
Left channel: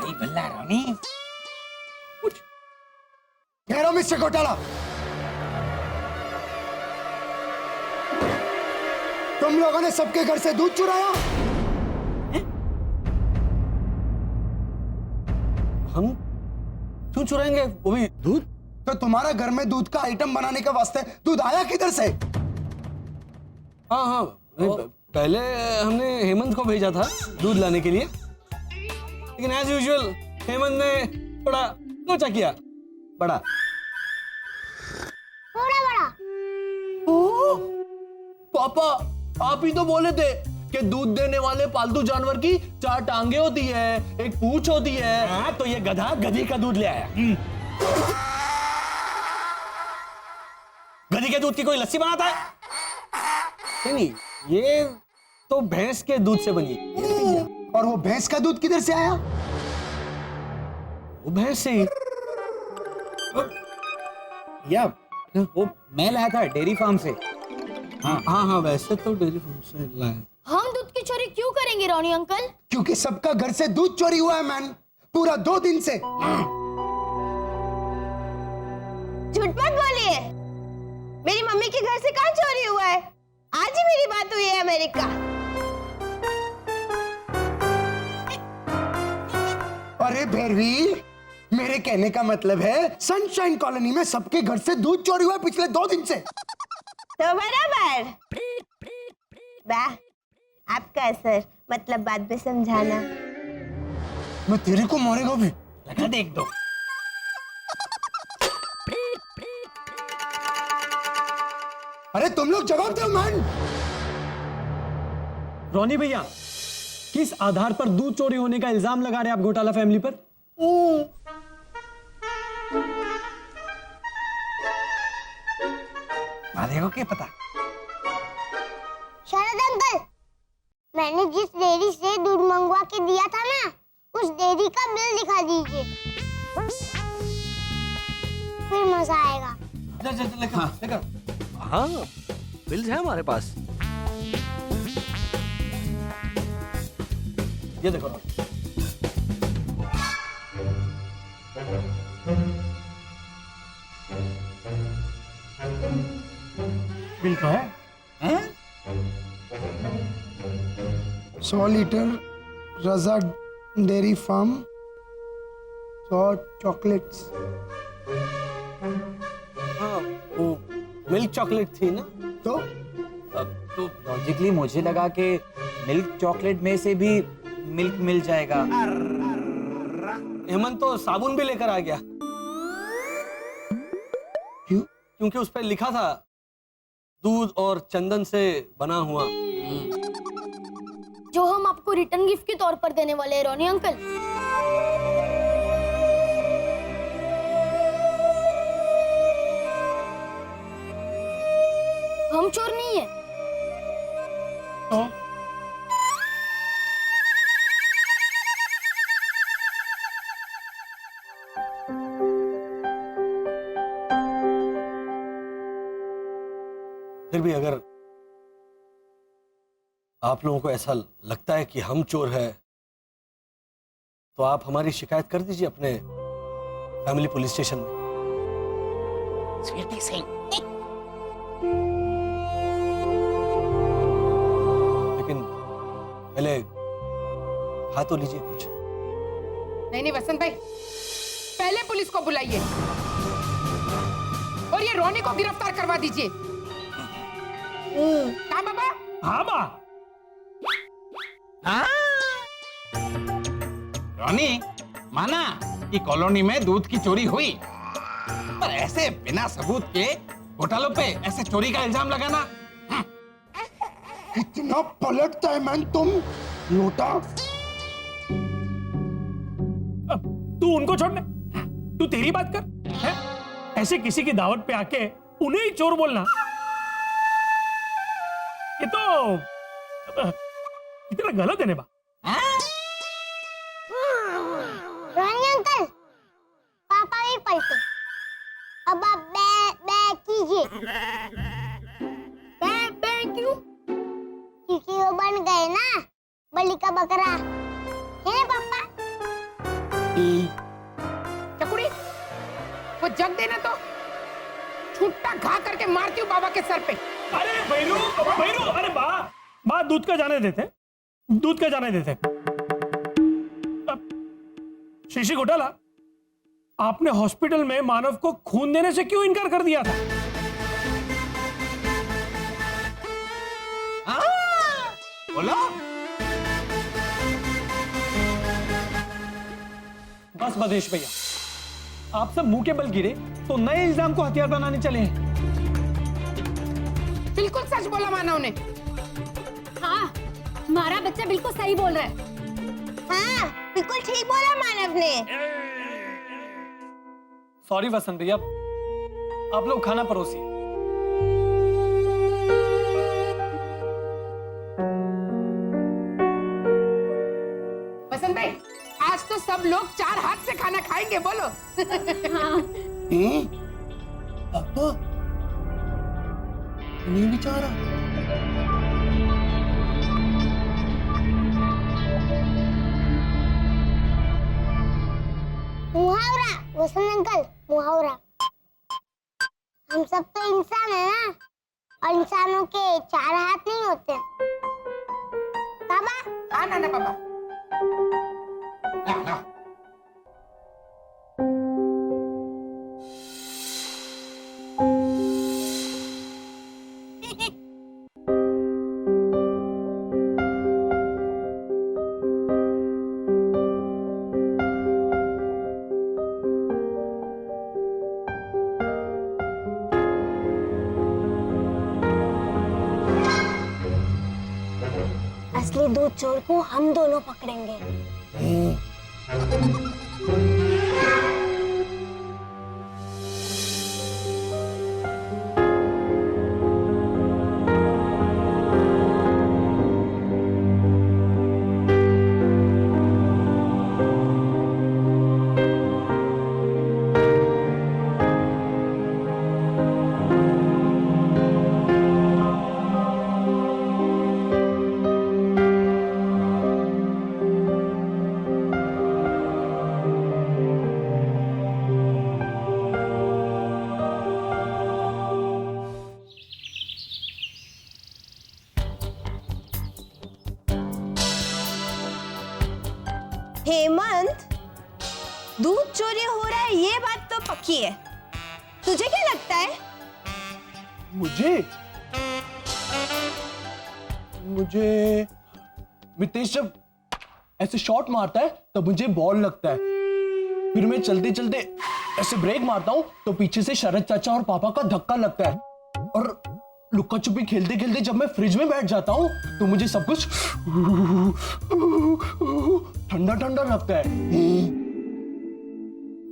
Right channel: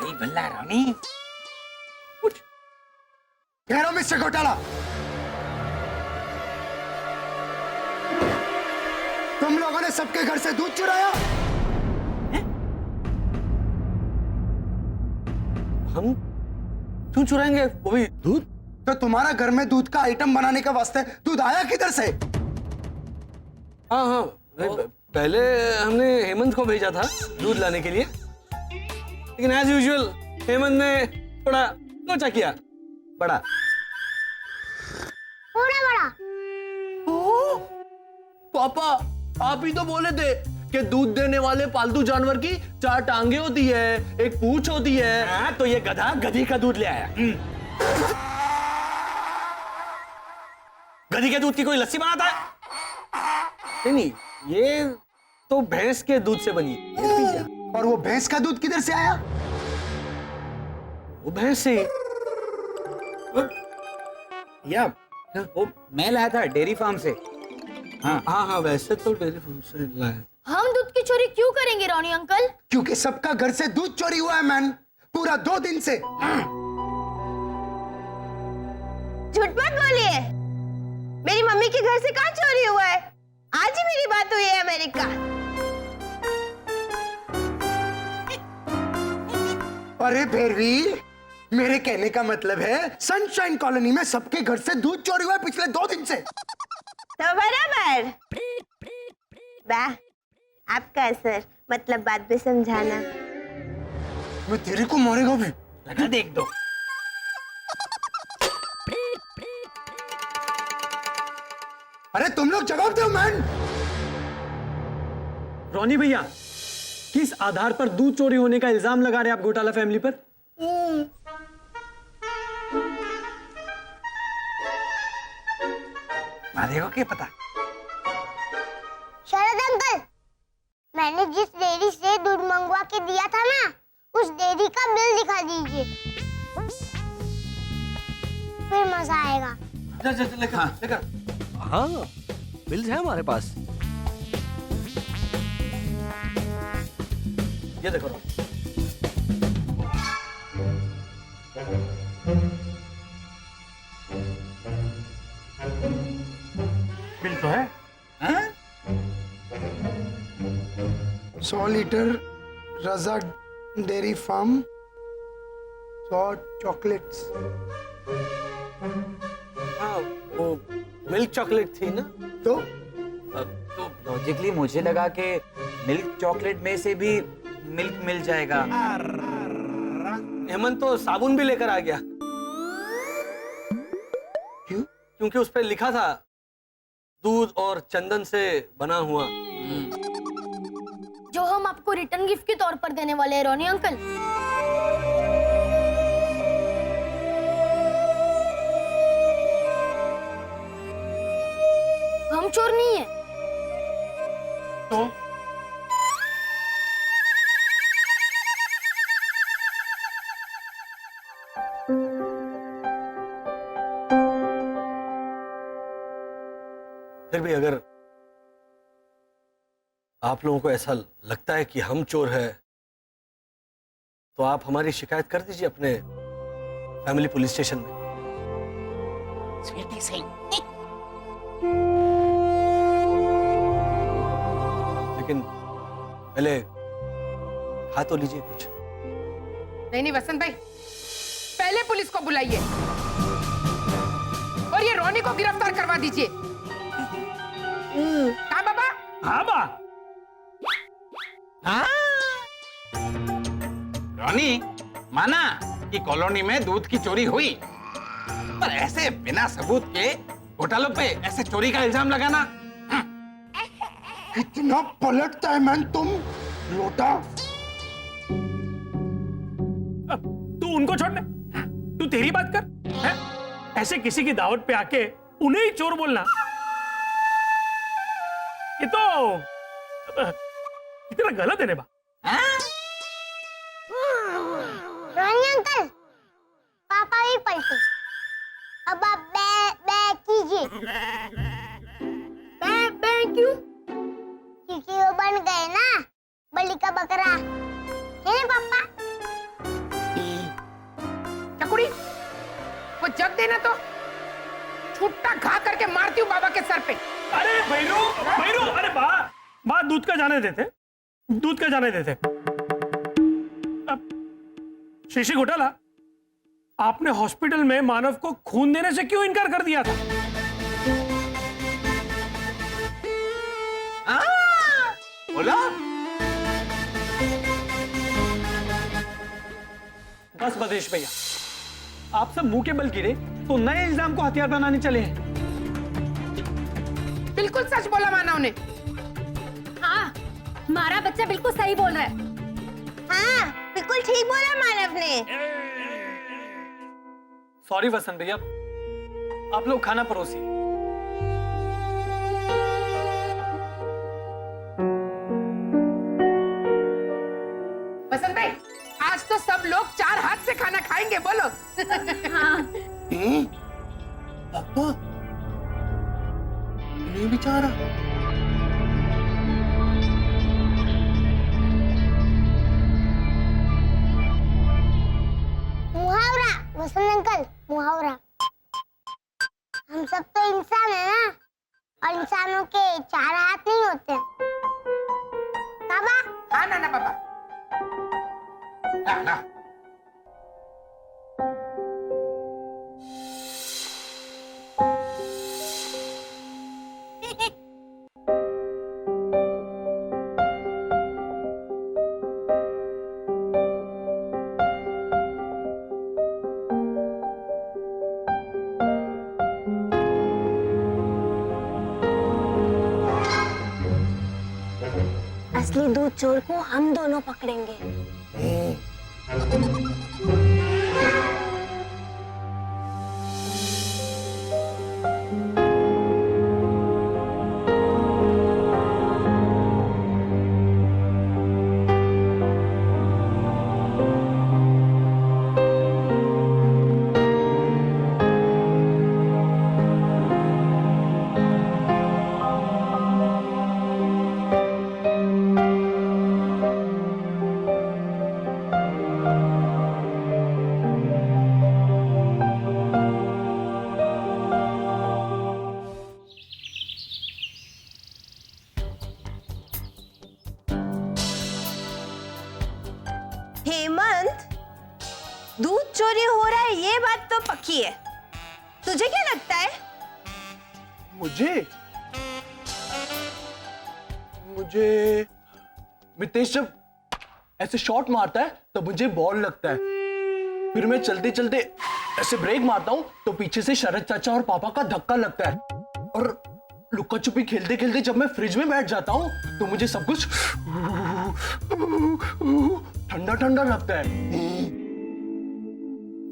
नहीं भल्ला रानी। कह रहा हूं मिस्टर घोटाला, तुम लोगों ने सबके घर से दूध चुराया। हम क्यों चुराएंगे, वो भी दूध? तो तुम्हारा घर में दूध का आइटम बनाने के वास्ते दूध आया किधर से? हाँ हाँ, पहले हमने हेमंत को भेजा था दूध लाने के लिए, लेकिन एज यूजुअल हेमंत ने थोड़ा लोचा किया, बड़ा थोड़ा बड़ा। पापा आप ही तो बोले थे कि दूध देने वाले पालतू जानवर की 4 टांगे होती है, एक पूंछ होती है। हाँ, तो ये गधा गधी का दूध ले आया। गधी के दूध की कोई लस्सी बनाता है? नहीं, ये तो भैंस के दूध से बनी है। और वो भैंस का दूध किधर से आया? वो भैंस से या वो मैं लाया था डेयरी फार्म से। हाँ, वैसे तो डेयरी फार्म से लाया। हम दूध की चोरी क्यों करेंगे रोनी अंकल? क्योंकि सबका घर से दूध चोरी हुआ है मैन, पूरा 2 दिन से। झूठ मत बोलिए, मेरी मम्मी के घर से कहाँ चोरी हुआ है? आज ही मेरी बात हुई है अमेरिका। अरे भैरवी, मेरे कहने का मतलब है सनशाइन कॉलोनी में सबके घर से दूध चोरी हुआ है पिछले 2 दिन से। तो बराबर बा, आपका असर मतलब बात भी समझाना। मैं तेरे को मारेगा भी। लगा दे एक दो। अरे तुम लोग जवाब दो मैन। रोनी भैया, किस आधार पर दूध चोरी होने का इल्जाम लगा रहे हैं आप घोटाला फैमिली पर? मारेगा क्या पता। शरद अंकल, मैंने जिस डेयरी से दूध मंगवा के दिया था ना, उस डेयरी का बिल दिखा दीजिए, फिर मजा आएगा। हाँ, बिल्स है हमारे पास। ये देखो, बिल तो है। 100 लीटर रजा डेयरी फार्म, चॉकलेट्स। हाँ, वो मिल्क चॉकलेट थी ना। तो तो लॉजिकली मुझे लगा कि मिल्क चॉकलेट में से भी मिल्क मिल जाएगा। हेमंत तो साबुन भी लेकर आ गया। क्यों? क्योंकि उस पर लिखा था दूध और चंदन से बना हुआ। जो हम आपको रिटर्न गिफ्ट के तौर पर देने वाले हैं रोनी अंकल। हम चोर नहीं है। तो फिर भी अगर आप लोगों को ऐसा लगता है कि हम चोर है तो आप हमारी शिकायत कर दीजिए अपने फैमिली पुलिस स्टेशन में। स्वीटी सिंह, लेकिन पहले खा तो लीजिए कुछ। नहीं नहीं वसंत भाई, पहले पुलिस को बुलाइए और ये रोनी को गिरफ्तार करवा दीजिए। कहाँ बाबा? हाँ बा, हाँ? रॉनी, माना कि कॉलोनी में दूध की चोरी हुई, पर ऐसे बिना सबूत के घोटालों पे ऐसे चोरी का इल्जाम लगाना। इतना पलटता है मैन तुम लोटा। अब तू उनको छोड़ने, तू तेरी बात कर है? ऐसे किसी की दावत पे आके उन्हें ही चोर बोलना, ये तो इतना गलत है नेबा। रोनी अंकल, पापा भी पलटे। अब आप बे कीजिए। बे क्यों? क्योंकि वो बन गए ना बलि का बकरा, है ना पापा? चकुड़ी, वो जग देना तो छुट्टा घा करके मारती हूँ बाबा के सर पे। अरे भैरू, भैरू, अरे बा दूध का जाने देते, दूध का जाने देते। अब शीशी घोटाला, आपने हॉस्पिटल में मानव को खून देने से क्यों इनकार कर दिया था? बोलो। बस बदेश भैया, आप सब मुंह के बल गिरे तो नए इल्जाम को हथियार बनाने चले हैं। बिल्कुल सच बोला मानव ने। हाँ, हमारा बच्चा बिल्कुल सही बोल रहा है। हाँ, बिल्कुल ठीक बोला मानव ने। सॉरी वसंत भैया, आप लोग खाना परोसिए। वसंत भाई, आज तो सब लोग 4 हाथ से खाना खाएंगे, बोलो। हाँ, पापा नहीं बेचारा। मुहावरा वसंत अंकल, मुहावरा। हम सब तो इंसान है ना, और इंसानों के 4 हाथ नहीं होते। बाबा, हाँ नाना बाबा। ना, ना। असली दूध चोर को हम दोनों पकड़ेंगे। हेमंत, दूध चोरी हो रहा है ये बात तो पक्की है। तुझे क्या लगता है? मुझे मितेश जब ऐसे शॉट मारता है तब मुझे बॉल लगता है, फिर मैं चलते चलते ऐसे ब्रेक मारता हूँ तो पीछे से शरद चाचा और पापा का धक्का लगता है, और लुक्का छुपी खेलते खेलते जब मैं फ्रिज में बैठ जाता हूँ तो मुझे सब कुछ ठंडा ठंडा लगता है।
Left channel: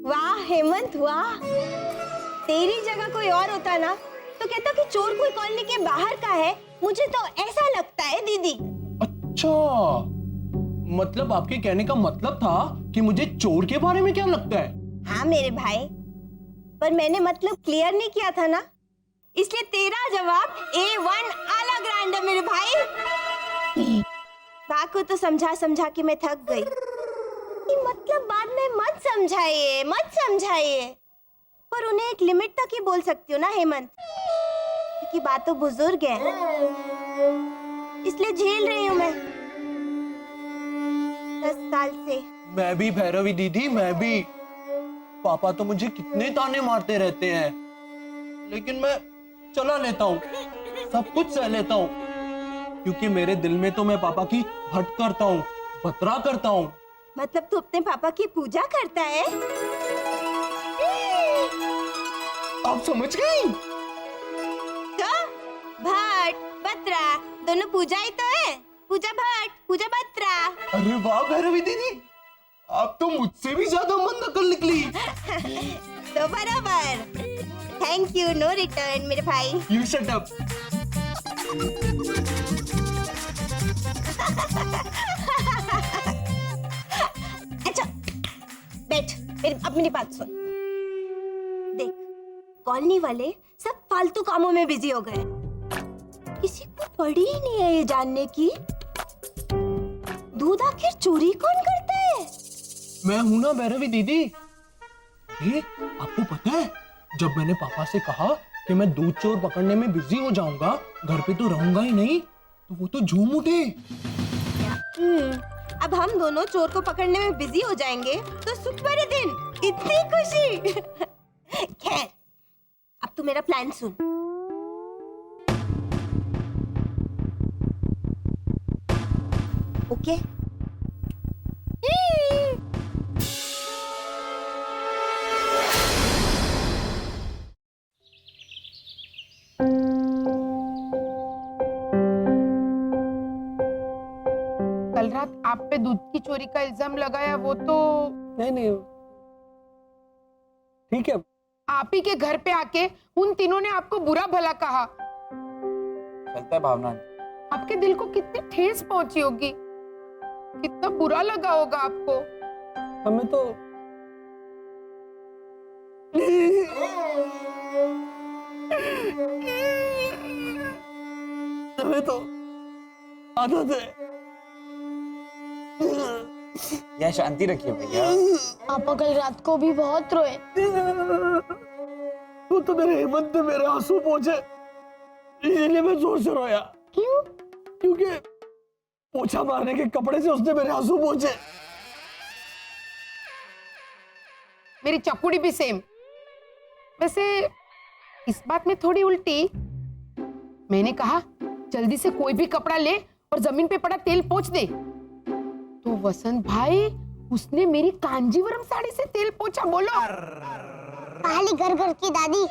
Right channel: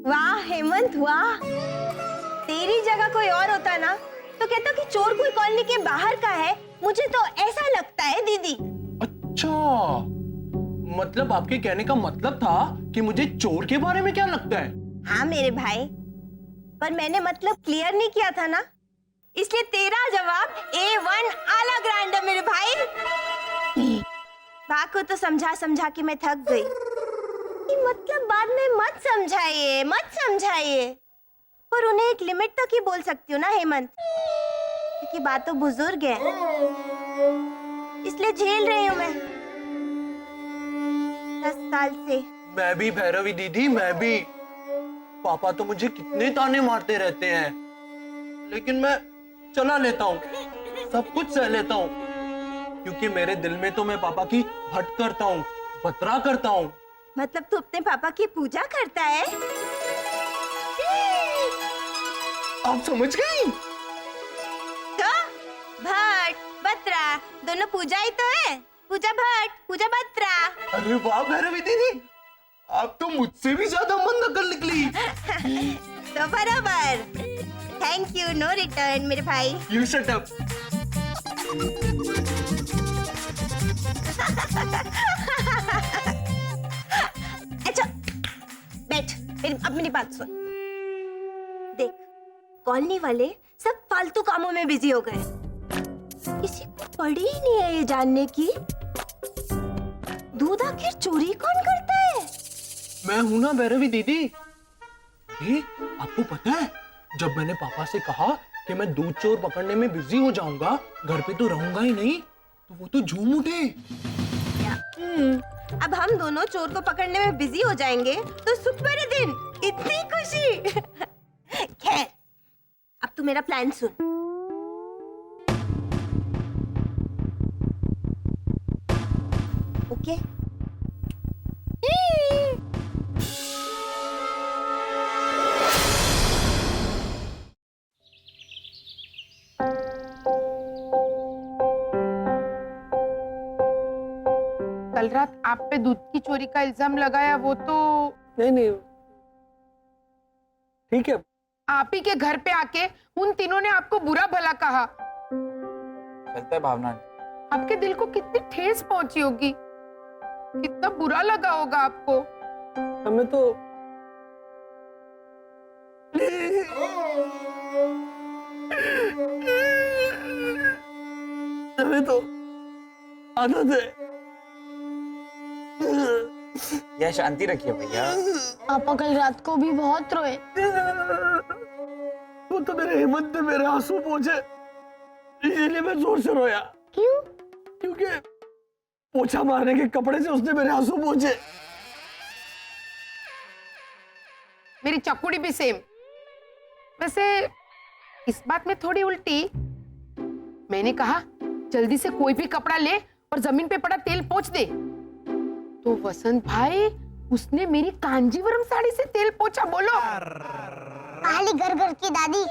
वाह हेमंत वाह, तेरी जगह कोई और होता ना तो कहता कि चोर कोई कॉलोनी के बाहर का है, मुझे तो ऐसा लगता है दीदी। अच्छा, मतलब आपके कहने का मतलब था कि मुझे चोर के बारे में क्या लगता है? हाँ मेरे भाई, पर मैंने मतलब क्लियर नहीं किया था ना, इसलिए तेरा जवाब A1 आला ग्रैंड है मेरे भाई। बा को तो समझा समझा के मैं थक गई कि मतलब बाद में मत समझाइए, पर उन्हें एक लिमिट तक ही बोल सकती हूँ ना हेमंत, क्योंकि बात तो बुजुर्ग है, इसलिए झेल रही हूँ मैं 10 साल से। मैं भी भैरवी दीदी, मैं भी। पापा तो मुझे कितने ताने मारते रहते हैं, लेकिन मैं चला लेता हूँ, सब कुछ सह लेता हूँ, क्योंकि मेरे दिल में तो मैं पापा की हट करता हूँ, बतरा करता हूँ। मतलब तू अपने पापा की पूजा करता है? आप समझ गई? तो भट्ट बत्रा दोनों पूजा ही तो है, पूजा भट्ट पूजा बत्रा। अरे वाह भैरवी दीदी, आप तो मुझसे भी ज्यादा मन नकल निकली। तो बराबर। थैंक यू, नो रिटर्न मेरे भाई। You shut up. अच्छा बैठ, अब मेरी बात सुन। देख, कॉलोनी वाले सब फालतू कामों में बिजी हो गए, किसी को पड़ी ही नहीं है ये जानने की दूध आखिर चोरी कौन करता है। मैं हूं ना भैरवी दीदी। ये आपको पता है, जब मैंने पापा से कहा कि मैं दूध चोर पकड़ने में बिजी हो जाऊंगा, घर पे तो रहूंगा ही नहीं, तो वो तो झूम उठे। अब हम दोनों चोर को पकड़ने में बिजी हो जाएंगे तो सुख भरे दिन, इतनी खुशी। खैर, अब तू मेरा प्लान सुन। ओके? कल रात आप पे दूध की चोरी का इल्जाम लगाया, वो तो नहीं ठीक है। आप ही के घर पे आके उन तीनों ने आपको बुरा भला कहा। चलता है भावना। आपके दिल को कितनी ठेस पहुंची होगी, कितना बुरा लगा होगा आपको। हमें तो आदत है। यह शांति रखिए भैया। पापा कल रात को भी बहुत रोए। वो तो मेरे हेमंत ने मेरे आंसू पोंछे, इसलिए मैं जोर से रोया। क्यों? क्योंकि पोछा मारने के कपड़े से उसने मेरे आंसू पोंछे। मेरी चकुड़ी भी सेम। वैसे इस बात में थोड़ी उल्टी। मैंने कहा जल्दी से कोई भी कपड़ा ले और जमीन पे पड़ा तेल पोंछ दे, तो वसंत भाई उसने मेरी कांजीवरम साड़ी से तेल पोंछा। बोलो। पहली घर घर की दादी।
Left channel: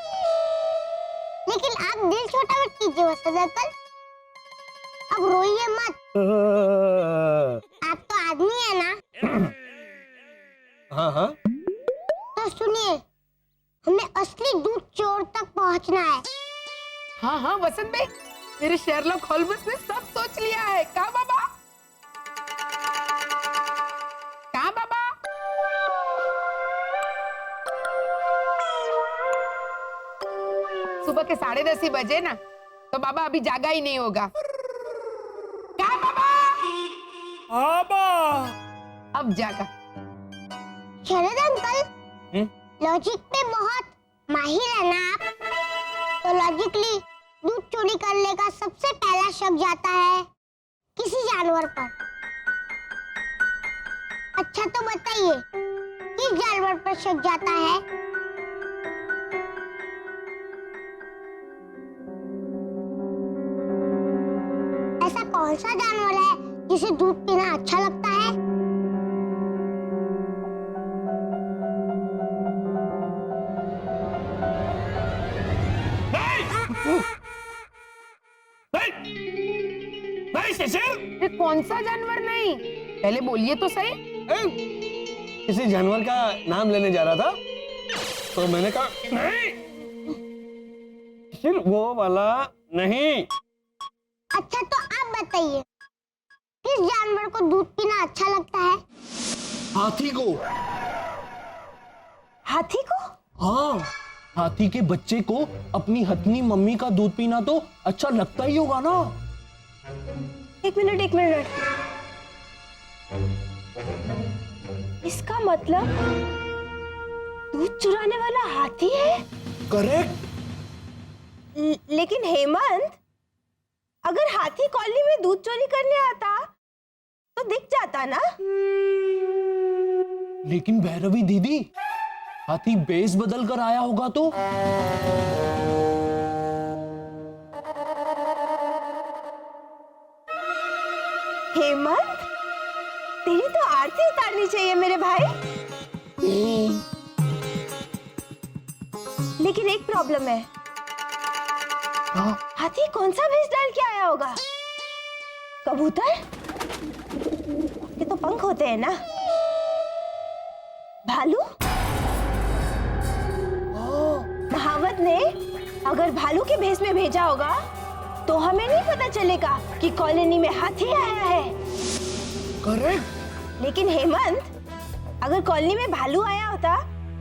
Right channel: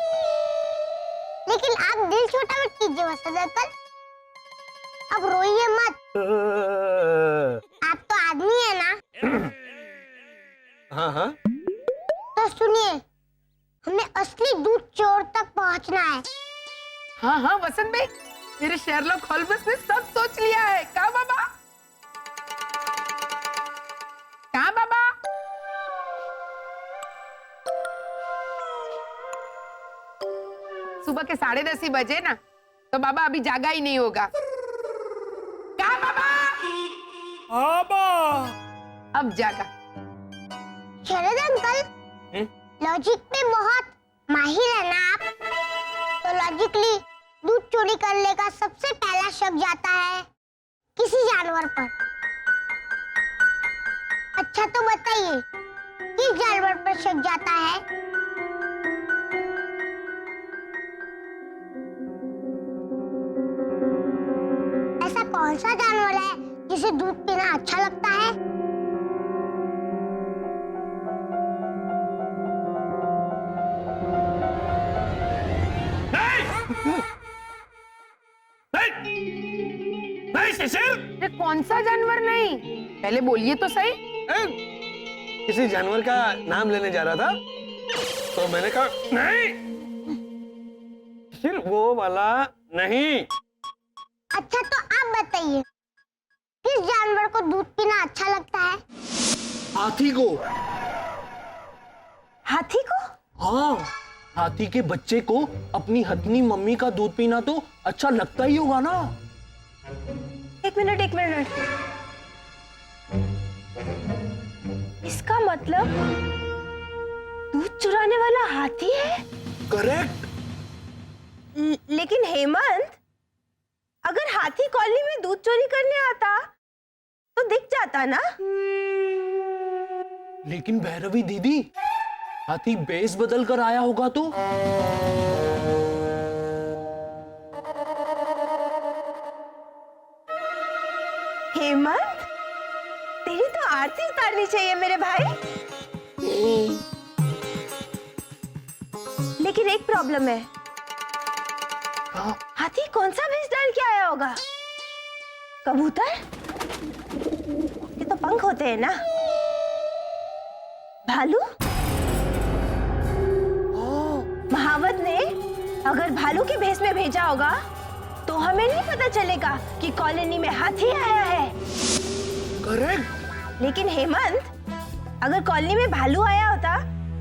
लेकिन आप दिल छोटा मत कीजिए वसंत अंकल, अब रोइए मत। आप तो आदमी है ना। हाँ। तो सुनिए, हमें असली दूध चोर तक पहुंचना है। हाँ वसंत भाई, मेरे शेरलॉक होल्म्स ने सब सोच लिया है। कहा बाबा? कहा बाबा? सुबह के 10:30 ही बजे ना, तो बाबा अभी जागा ही नहीं होगा। कहा बाबा? अब जागा। शरद अंकल, लॉजिक पे बहुत माहिर है ना आप। तो लॉजिकली दूध चोरी करने का सबसे पहला शक जाता है किसी जानवर पर। अच्छा तो बताइए, किस जानवर पर शक जाता है? ऐसा कौन सा जानवर है जिसे दूध पीना अच्छा लगता है? नहीं शिशिर, ये कौन सा जानवर नहीं? पहले बोलिए तो सही। किसी जानवर का नाम लेने जा रहा था तो मैंने कहा नहीं। फिर वो वाला नहीं। अच्छा तो आप बताइए, किस जानवर को दूध पीना अच्छा लगता है? हाथी को। हाथी को? हाँ, हाथी के बच्चे को अपनी हथनी मम्मी का दूध पीना तो अच्छा लगता ही होगा ना। एक मिनट एक मिनट, इसका मतलब दूध चुराने वाला हाथी है? करेक्ट। लेकिन हेमंत, अगर हाथी कॉलोनी में दूध चोरी करने आता तो दिख जाता ना। लेकिन भैरवी दीदी, हाथी बेस बदल कर आया होगा तो? हेमंत, तेरी तो आरती उतारनी चाहिए मेरे भाई। लेकिन एक प्रॉब्लम है। हाथी कौन सा भेष डाल के आया होगा? कबूतर? ये तो पंख होते हैं ना। भालू? महावत ने अगर भालू के भेष में भेजा होगा तो हमें नहीं पता चलेगा कि कॉलोनी में हाथी आया है। करेक्ट। लेकिन हेमंत, अगर कॉलोनी में भालू आया होता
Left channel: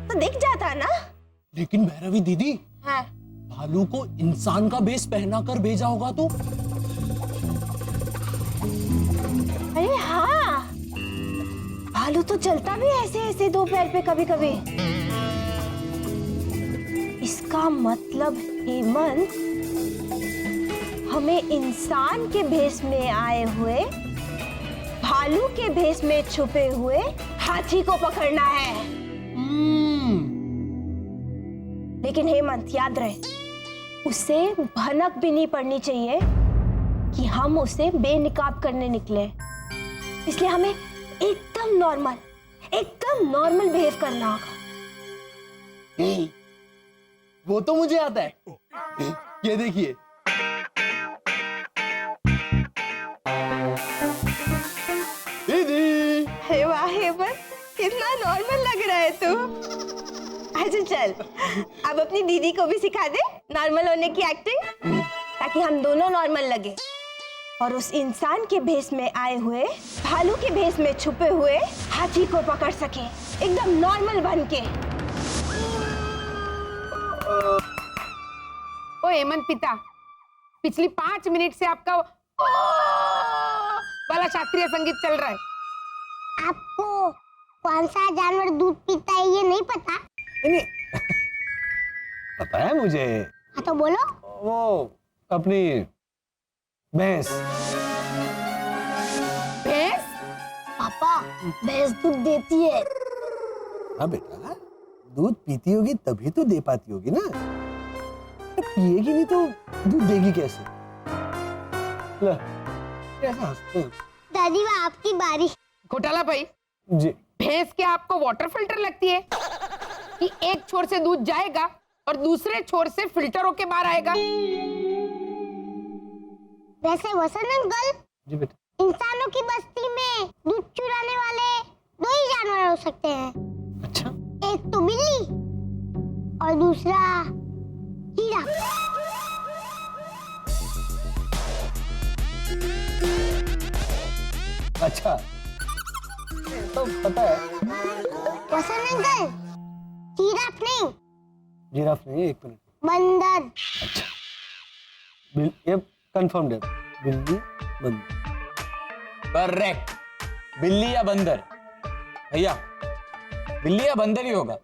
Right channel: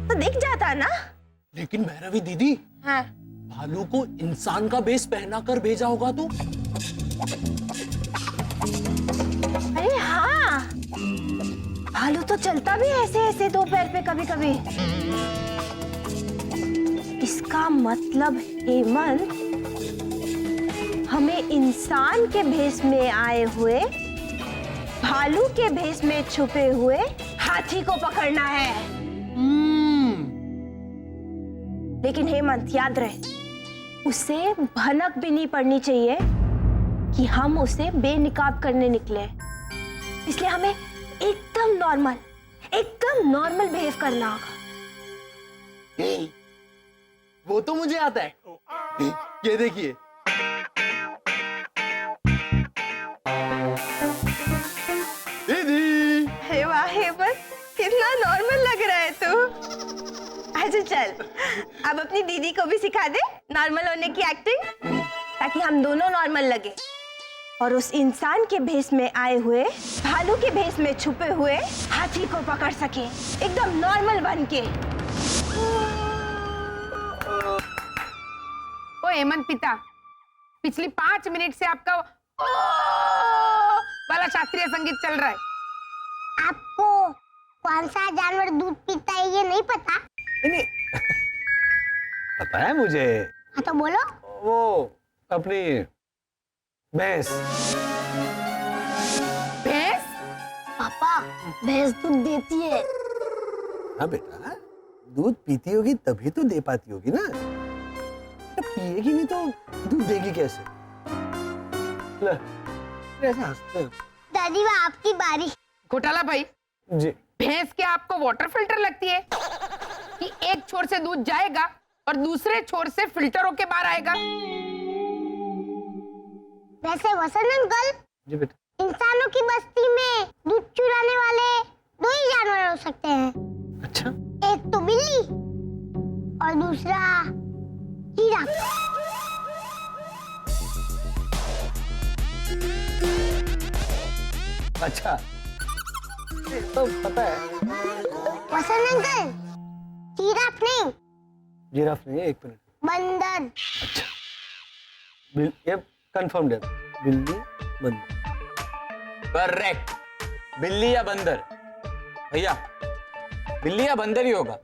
तो दिख जाता ना। लेकिन भैरवी दीदी, हाँ। भालू को इंसान का बेस पहना कर भेजा होगा तो? अरे हाँ, भालू तो चलता भी ऐसे ऐसे दो पैर पे कभी कभी। इसका मतलब हेमंत, हमें इंसान के भेष में आए हुए भालू के भेष में छुपे हुए हाथी को पकड़ना है। लेकिन हेमंत, याद रहे, उसे भनक भी नहीं पड़नी चाहिए कि हम उसे बेनिकाब करने निकले। इसलिए हमें एकदम नॉर्मल बिहेव करना होगा। वो तो मुझे आता है। ये देखिए। दीदी। हे वाह हेमंत, कितना नॉर्मल लग रहा है तू। अच्छा चल, अब अपनी दीदी को भी सिखा दे नॉर्मल होने की एक्टिंग, ताकि हम दोनों नॉर्मल लगे और उस इंसान के भेष में आए हुए भालू के भेष में छुपे हुए हाथी को पकड़ सके, एकदम नॉर्मल बन के। ओ हेमंत पिता, पिछली 5 मिनट से आपका वाला शास्त्रीय संगीत चल रहा है। आपको कौन सा जानवर दूध पीता है ये नहीं पता? नहीं पता है मुझे। हाँ तो बोलो। वो अपनी भैंस। भैंस? पापा, भैंस दूध देती है। हाँ बेटा, दूध पीती होगी तभी तो दे पाती होगी ना। पिएगी नहीं तो दूध देगी कैसे? ले, कैसे हंसते हैं? दादी वो आपकी बारी। घोटाला भाई जी। भैंस क्या आपको वाटर फिल्टर लगती है कि एक छोर से दूध जाएगा और दूसरे छोर से फिल्टर होके बाहर आएगा? वैसे वसंत अंकल, जी बेटा, इंसानों की बस्ती में दूध चुराने वाले 2 ही जानवर हो सकते हैं। अच्छा। एक तो बिल्ली और दूसरा जिराफ। अच्छा, तो पता है। वसंत अंकल, जिराफ नहीं, जिराफ नहीं है, 1 मिनट। बंदर। ये कंफर्म है, बिल्ली बंदर। करेक्ट, बिल्ली या बंदर। भैया, बिल्ली या बंदर ही होगा,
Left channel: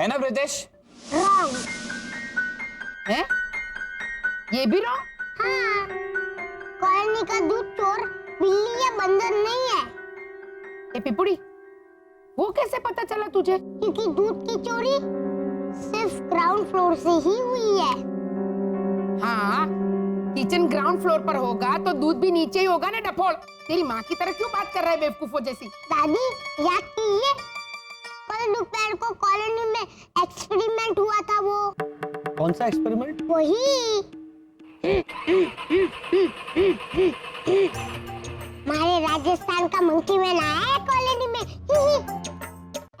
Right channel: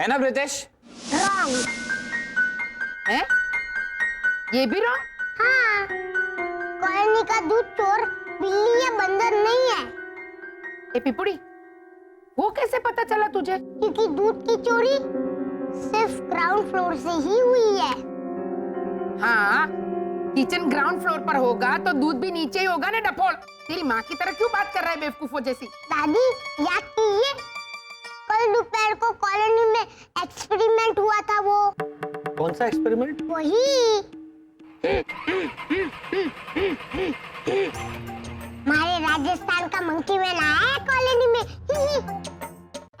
है ना ब्रिजेश? रॉन्ग। है? ये भी रॉन्ग? हाँ, कॉलोनी का दूध चोर बिल्ली या बंदर नहीं है। ए पिपुड़ी, वो कैसे पता चला तुझे? क्योंकि दूध की चोरी सिर्फ ग्राउंड फ्लोर से ही हुई है। हाँ, किचन ग्राउंड फ्लोर पर होगा तो दूध भी नीचे ही होगा ना डफोड़। तेरी माँ की तरह क्यों बात कर रहा है बेवकूफों जैसी? दादी याद कीजिए, कल दोपहर को कॉलोनी में एक्सपेरिमेंट हुआ था। वो कौन सा एक्सपेरिमेंट? वही हमारे राजस्थान का मंकी मैन आया है कॉलोनी में।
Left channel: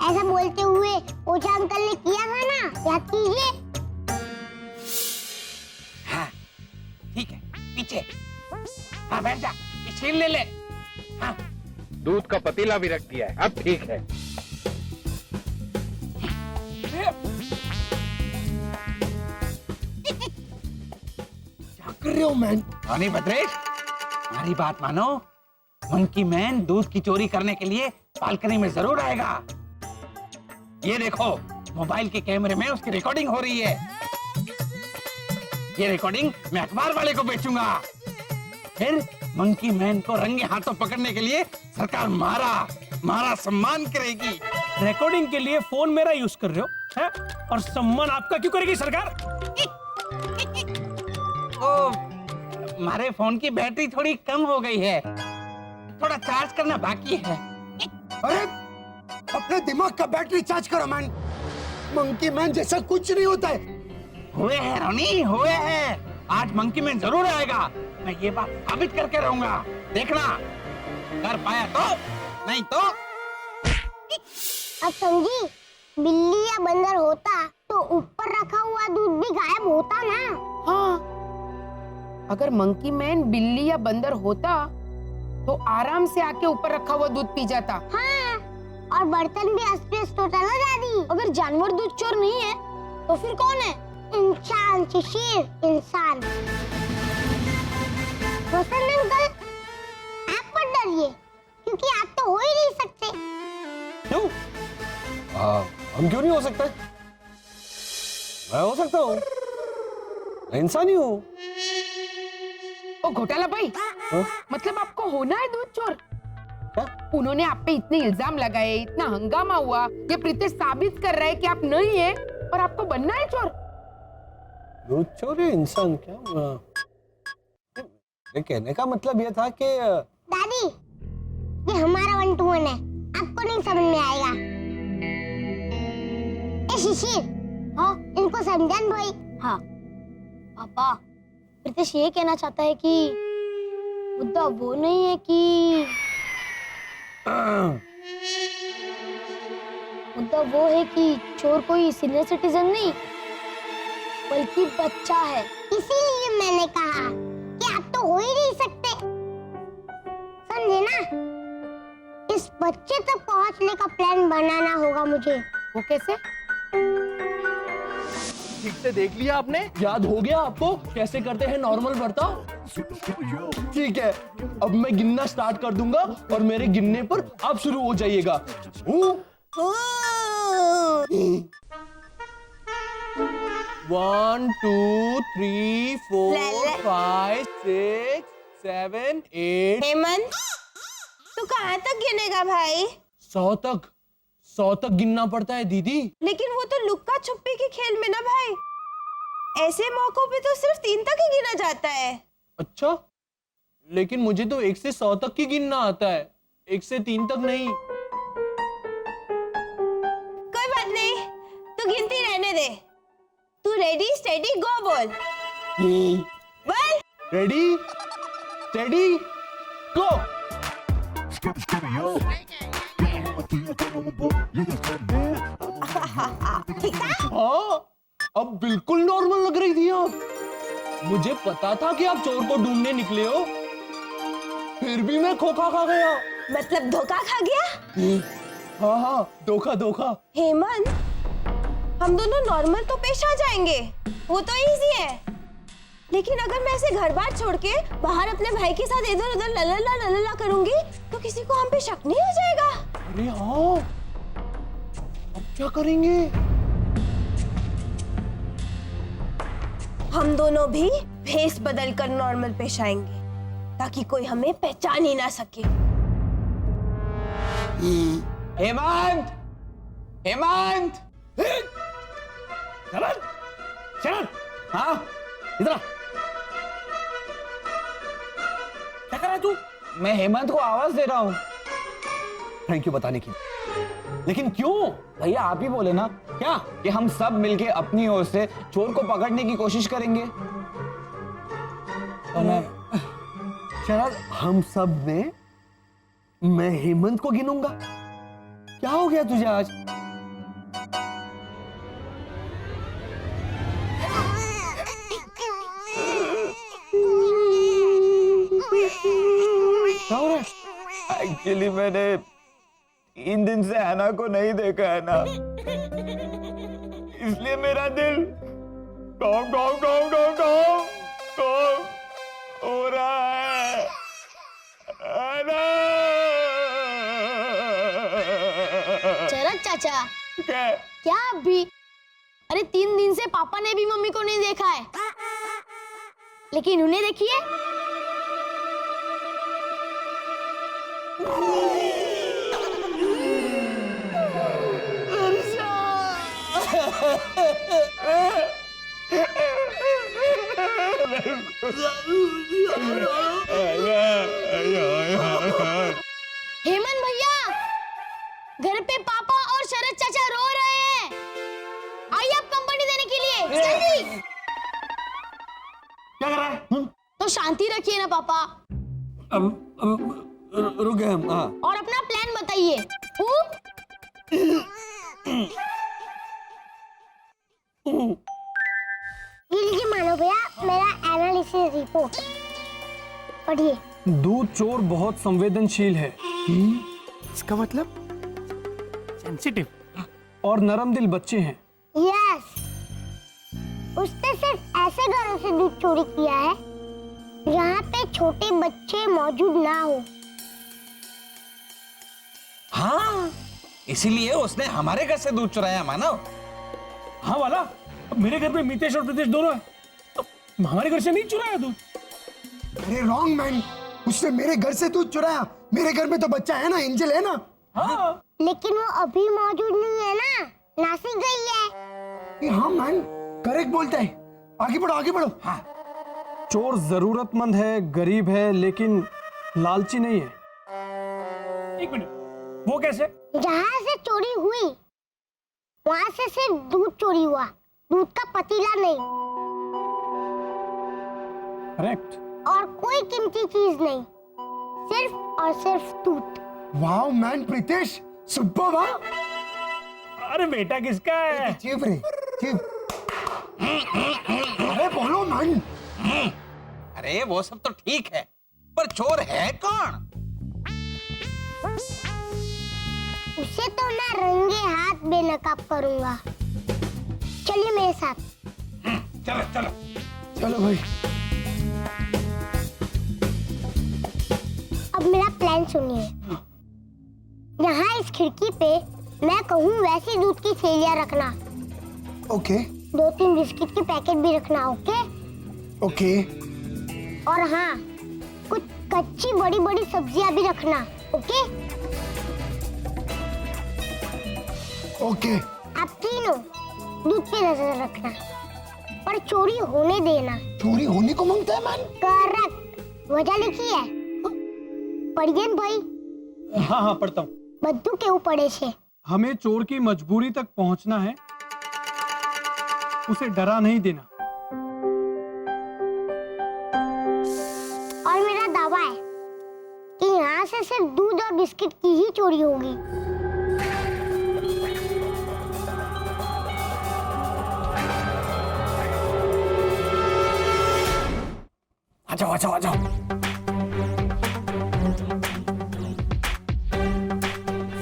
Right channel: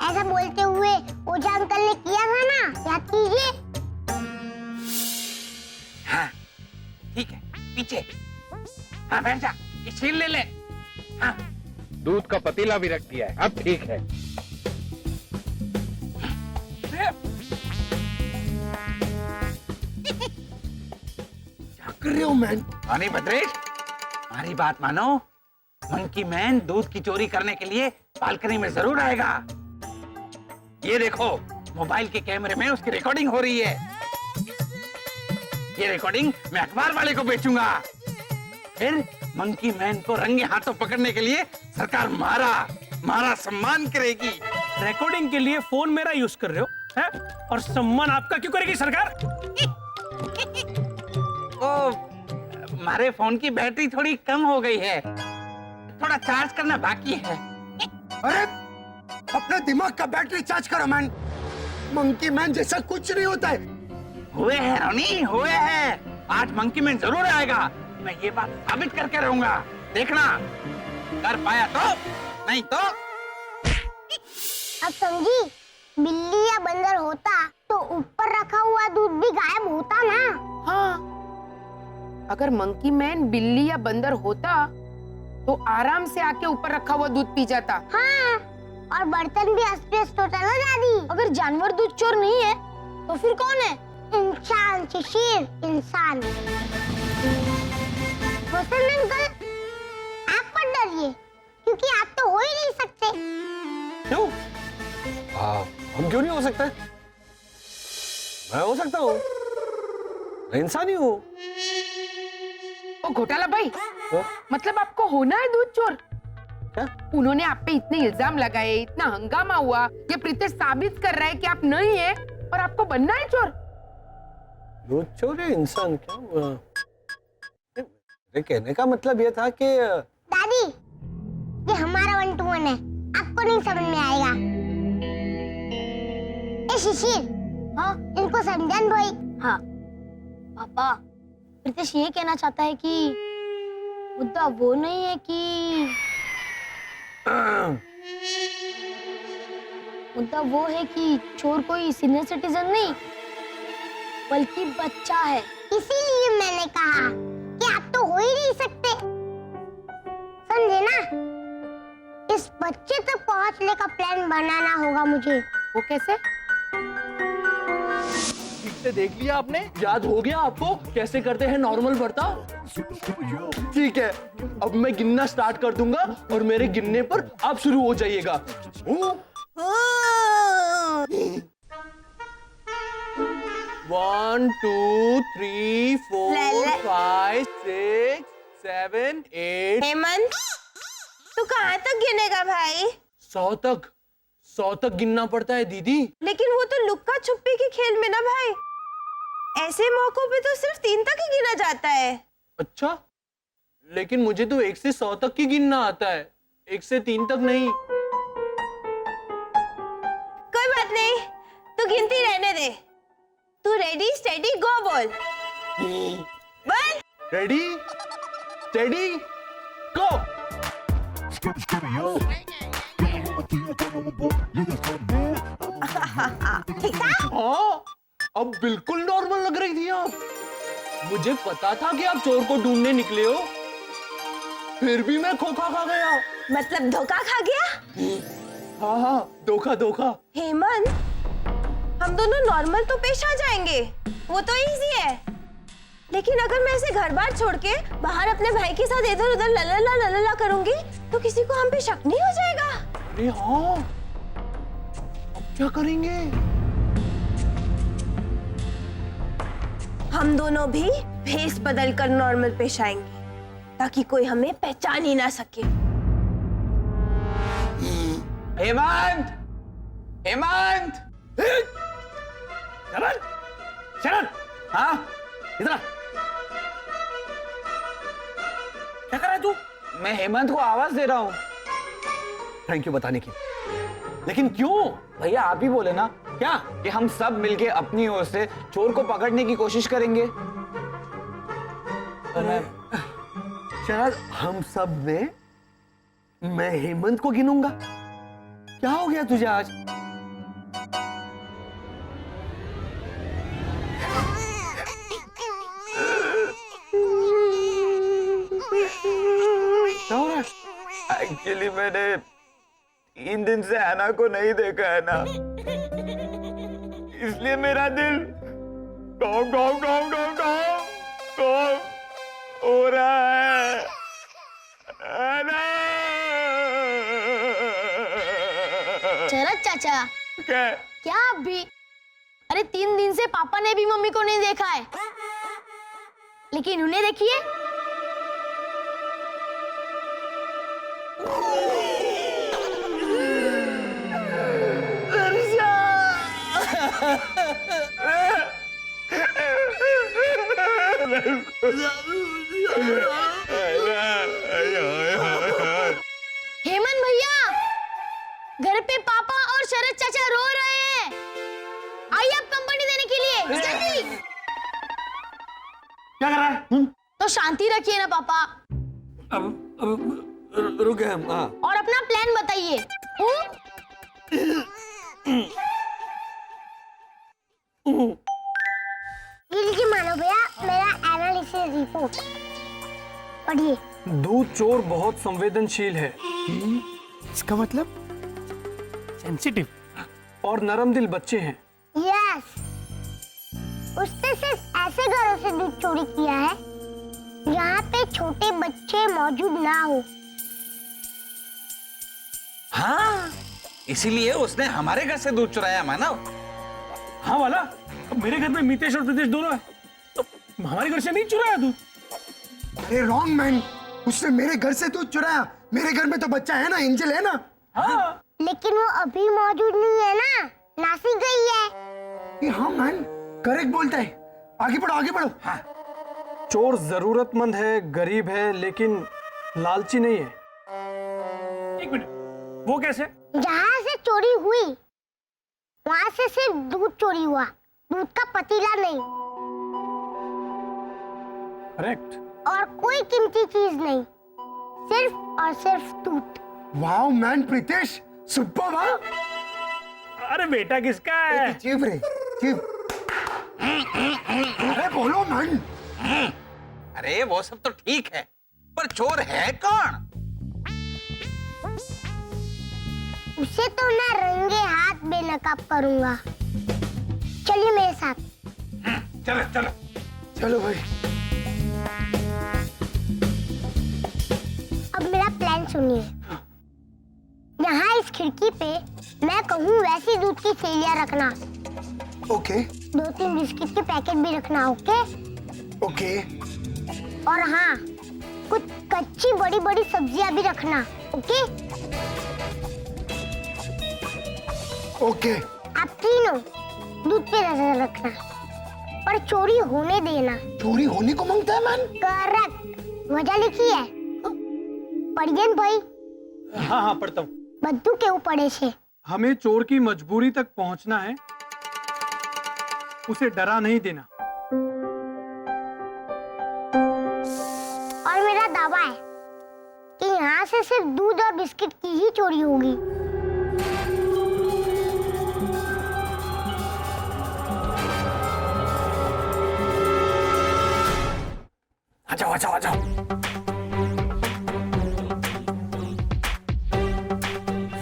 ऐसा बोलते हुए ओझा अंकल ने किया था ना, याद कीजिए। हाँ ठीक है, पीछे। हाँ बैठ जा, ये छीन ले ले। हाँ दूध का पतीला भी रख दिया है, अब ठीक है। क्या कर रहे हो मैन? रानी भद्रेश, हमारी बात मानो, मंकी मैन दूध की चोरी करने के लिए बालकनी में जरूर आएगा। ये देखो, मोबाइल के कैमरे में उसकी रिकॉर्डिंग हो रही है। ये रिकॉर्डिंग मैं अखबार वाले को बेचूंगा। फिर मंकी मैन को रंगे हाथों पकड़ने के लिए सरकार मारा सम्मान करेगी। रिकॉर्डिंग के लिए फोन मेरा यूज कर रहे हो है? और सम्मान आपका क्यों करेगी सरकार? तो हमारे फोन की बैटरी थोड़ी कम हो गई है, थोड़ा चार्ज करना बाकी है। अरे अपने दिमाग का बैटरी चार्ज करो मैन। मंकी मैन जैसा कुछ नहीं होता है। हुए हैं रोनी, हुए हैं। आज मंकी मैन जरूर आएगा, मैं ये बात साबित करके रहूंगा। देखना, कर पाया तो, नहीं तो। अब समझी, बिल्ली या बंदर होता तो ऊपर रखा हुआ दूध भी गायब होता ना। हाँ, अगर मंकी मैन बिल्ली या बंदर होता तो आराम से आके ऊपर रखा हुआ दूध पी जाता। हाँ, और बर्तन भी अस्त-व्यस्त होता ना दादी। अगर जानवर दूध चोर नहीं है तो फिर कौन है? इंसान शिशिर, इंसान। रोशन अंकल, आप मत डरिए, क्योंकि आप तो हो ही नहीं सकते। क्यों? हम क्यों नहीं हो सकते? मैं हो सकता हूँ, मैं इंसान ही हूँ। ओ घोटाला भाई, हाँ? मतलब आपको होना है दूध चोर? क्या? उन्होंने आप पे इतने इल्जाम लगाए, इतना हंगामा हुआ, ये प्रीतेश साबित कर रहा है कि आप नहीं है और आपको बनना है चोर। दूध चोर या इंसान? क्या हुआ? मेरे कहने का मतलब ये था कि दादी, ये हमारा 1 to 1 है, आपको नहीं समझ में आएगा। ए शिशिर, हाँ इनको समझान भाई। हाँ पापा, प्रीतेश ये कहना चाहता है कि मुद्दा वो नहीं है कि मुद्दा वो है कि चोर कोई सीनियर सिटीजन नहीं बल्कि बच्चा है। इसीलिए मैंने कहा कि आप तो हो ही नहीं सकते, समझे ना? इस बच्चे तक पहुंचने का प्लान बनाना होगा मुझे। वो कैसे? ठीक से देख लिया आपने? याद हो गया आपको कैसे करते हैं नॉर्मल बर्ताव? ठीक है, अब मैं गिनना स्टार्ट कर दूंगा और मेरे गिनने पर आप शुरू हो जाइएगा। 1 2 3 4 5 6 7 8। हेमंत, तू कहाँ तक गिनेगा भाई? 100 तक गिनना पड़ता है दीदी। लेकिन वो तो लुक्का छुपी के खेल में ना भाई, ऐसे मौकों पे तो सिर्फ 3 तक ही गिना जाता है। अच्छा, लेकिन मुझे तो 1 से 100 तक ही गिनना आता है, 1 से 3 तक नहीं। कोई बात नहीं, तू गिनती रहने दे। तू रेडी स्टेडी गो बोल। बोल। रेडी स्टेडी गो। हाँ, अब बिल्कुल नॉर्मल लग रही थी आप। मुझे पता था कि आप चोर को ढूंढने निकले हो, फिर भी मैं खोखा खा गया। मतलब धोखा खा गया? हाँ, धोखा। हेमंत, हम दोनों नॉर्मल तो पेश आ जाएंगे, वो तो इजी है। लेकिन अगर मैं ऐसे घर बार छोड़ के बाहर अपने भाई के साथ इधर उधर ललला करूंगी तो किसी को हम पे शक नहीं हो जाएगा? अरे हाँ, अब क्या करेंगे? हम दोनों भी भेस बदल कर नॉर्मल पेश आएंगे ताकि कोई हमें पहचान ही ना सके। हेमंत, हेमंत। शरद, शरद, हाँ, इधर आ। क्या कर रहा है तू? मैं हेमंत को आवाज दे रहा हूँ। थैंक यू बताने की, लेकिन क्यों? भैया आप ही बोले ना क्या? कि हम सब मिलके अपनी ओर से चोर को पकड़ने की कोशिश करेंगे। तो मैं शरद, हम सब में मैं हेमंत को गिनूंगा? क्या हो गया तुझे आज? क्या हो रहा है? एक्चुअली मैंने 3 दिन से हैना को नहीं देखा है ना, इसलिए मेरा दिल गाँव गाँव गाँव गाँव गाँव गाँव हो रहा है। हैना! शरद चाचा, क्या? क्या आप भी? अरे 3 दिन से पापा ने भी मम्मी को नहीं देखा है, लेकिन उन्हें देखिए। हेमंत भैया, घर पे पापा और शरद चाचा रो रहे हैं। आइए आप कंपनी देने के लिए, जल्दी। क्या कर रहा है? तो शांति रखिए ना पापा, अब रुक गए हम। हाँ, और अपना प्लान बताइए। ये लीजिए मानो भैया, मेरा एनालिसिस रिपोर्ट पढ़िए। दूध चोर बहुत संवेदनशील है इसका मतलब? सेंसिटिव और नरम दिल बच्चे हैं। यस, उसने सिर्फ ऐसे घरों से दूध चोरी किया है जहाँ पे छोटे बच्चे मौजूद ना हो। हाँ, इसीलिए उसने हमारे घर से दूध चुराया मानव। हाँ वाला, अब मेरे घर में मितेश और प्रीतेश दोनों है, तो हमारे घर से नहीं चुराया दूध। अरे रॉन्ग मैन, उसने मेरे घर से दूध चुराया। मेरे घर में तो बच्चा है ना, एंजल है ना। हाँ, लेकिन वो अभी मौजूद नहीं है ना, नासिक गई है। ये हाँ मैन, करेक्ट बोलता है। आगे बढ़ो, आगे बढ़ो। हाँ। चोर जरूरतमंद है, गरीब है, लेकिन लालची नहीं है। 1 मिनट, वो कैसे? जहाँ से चोरी हुई वहाँ से सिर्फ दूध चोरी हुआ, दूध का पतीला नहीं, करेक्ट। और कोई कीमती चीज नहीं, सिर्फ और सिर्फ दूध। वाओ मैन प्रीतेश, सुपर वाह। अरे बेटा किसका है? चीप रे, चीप। अरे बोलो मैन। अरे वो सब तो ठीक है, पर चोर है कौन? उसे तो मैं रंगे हाथ बेनकाब करूंगा। चलिए मेरे साथ। चलो चलो चलो भाई। अब मेरा प्लान सुनिए। यहाँ इस खिड़की पे मैं कहूँ वैसी दूध की थैलियाँ रखना, ओके 2-3 बिस्किट के पैकेट भी रखना। ओके ओके और हाँ, कुछ कच्ची बड़ी बड़ी सब्जियाँ भी रखना। Okay okay. आप तीनों दूध पे नजर रखना, पर चोरी होने देना। चोरी होने को मांगता है मैन। करेक्ट, वजह लिखी है पढ़िए भाई। हाँ हाँ पढ़ता हूँ। बद्दू के ऊपर से हमें चोर की मजबूरी तक पहुंचना है, उसे डरा नहीं देना। और मेरा दावा है कि यहाँ से सिर्फ दूध और बिस्किट की ही चोरी होगी। आ जाओ आ जाओ आ जाओ।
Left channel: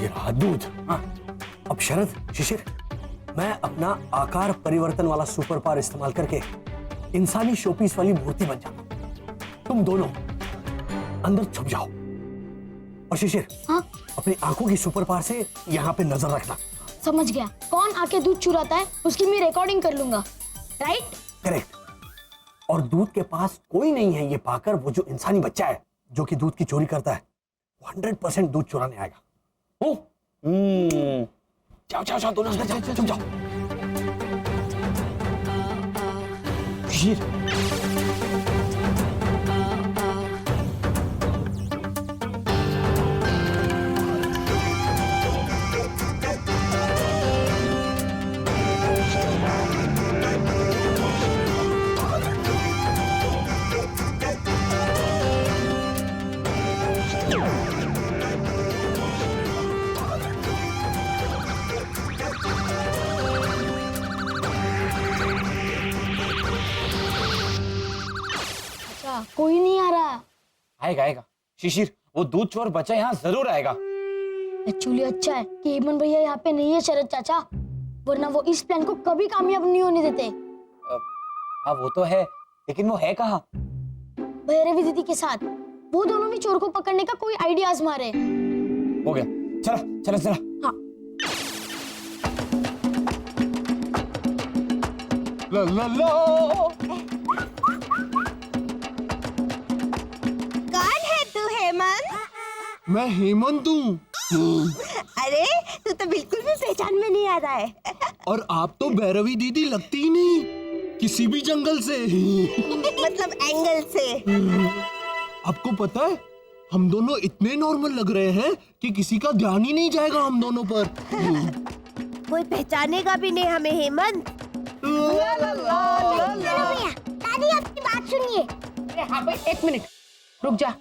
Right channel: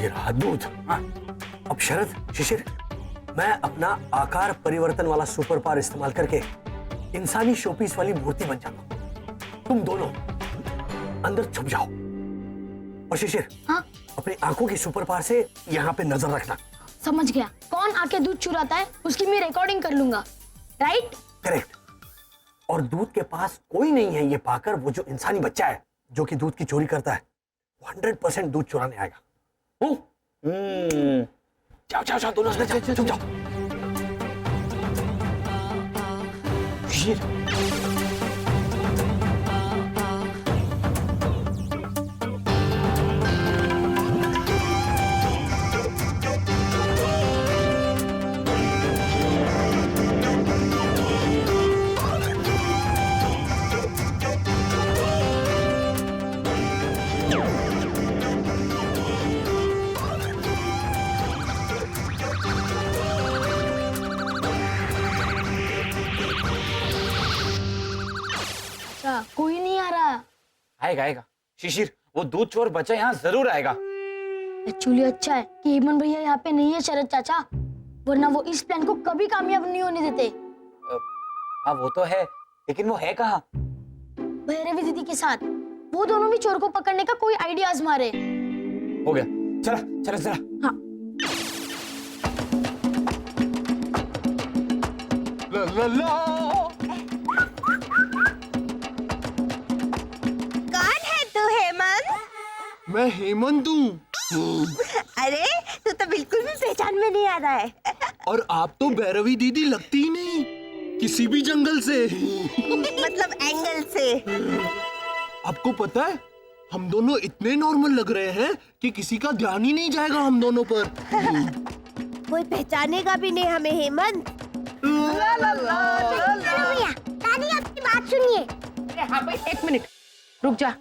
ये रहा दूध। हाँ। अब शरद, शिशिर, मैं अपना आकार परिवर्तन वाला सुपर पावर इस्तेमाल करके इंसानी शोपीस वाली मूर्ति बन जाता हूं। तुम दोनों अंदर छुप जाओ और शिशिर, हाँ? अपनी आंखों की सुपर पावर से यहाँ पे नजर रखना। समझ गया। कौन आके दूध चुराता है उसकी मैं रिकॉर्डिंग कर लूंगा। राइट? करेक्ट। और दूध के पास कोई नहीं है ये पाकर वो जो इंसानी बच्चा है जो कि दूध की चोरी करता है, 100% दूध चुराने आएगा। जाओ जाओ जाओ, दोनों अंदर जाओ, तुम जाओ। शिशिर, अच्छा कोई नहीं आ रहा। आएगा आएगा शिशिर, वो दूध चोर बच्चा यहाँ जरूर आएगा। एक्चुअली अच्छा है कि हेमंत भैया यहाँ पे नहीं है शरद चाचा, वरना वो इस प्लान को कभी कामयाब नहीं होने देते। हाँ वो तो है, लेकिन वो है कहाँ? भैरवी दीदी के साथ। वो दोनों भी चोर को पकड़ने का कोई आइडिया आजमा रहे। हो गया, चला चला चला। हाँ ला ला ला। कौन है तू हेमंत? मैं हेमंत हूँ। अरे तू तो बिल्कुल भी पहचान में नहीं आ रहा है। और आप तो भैरवी दीदी लगती ही नहीं, किसी भी जंगल से। मतलब एंगल से। आपको पता है, हम दोनों इतने नॉर्मल लग रहे हैं कि किसी का ध्यान ही नहीं जाएगा हम दोनों पर। कोई पहचानेगा भी नहीं हमें हेमंत। भैया दादी आपकी बात सुनिए। अरे हाँ भाई, एक मिनट रुक जा।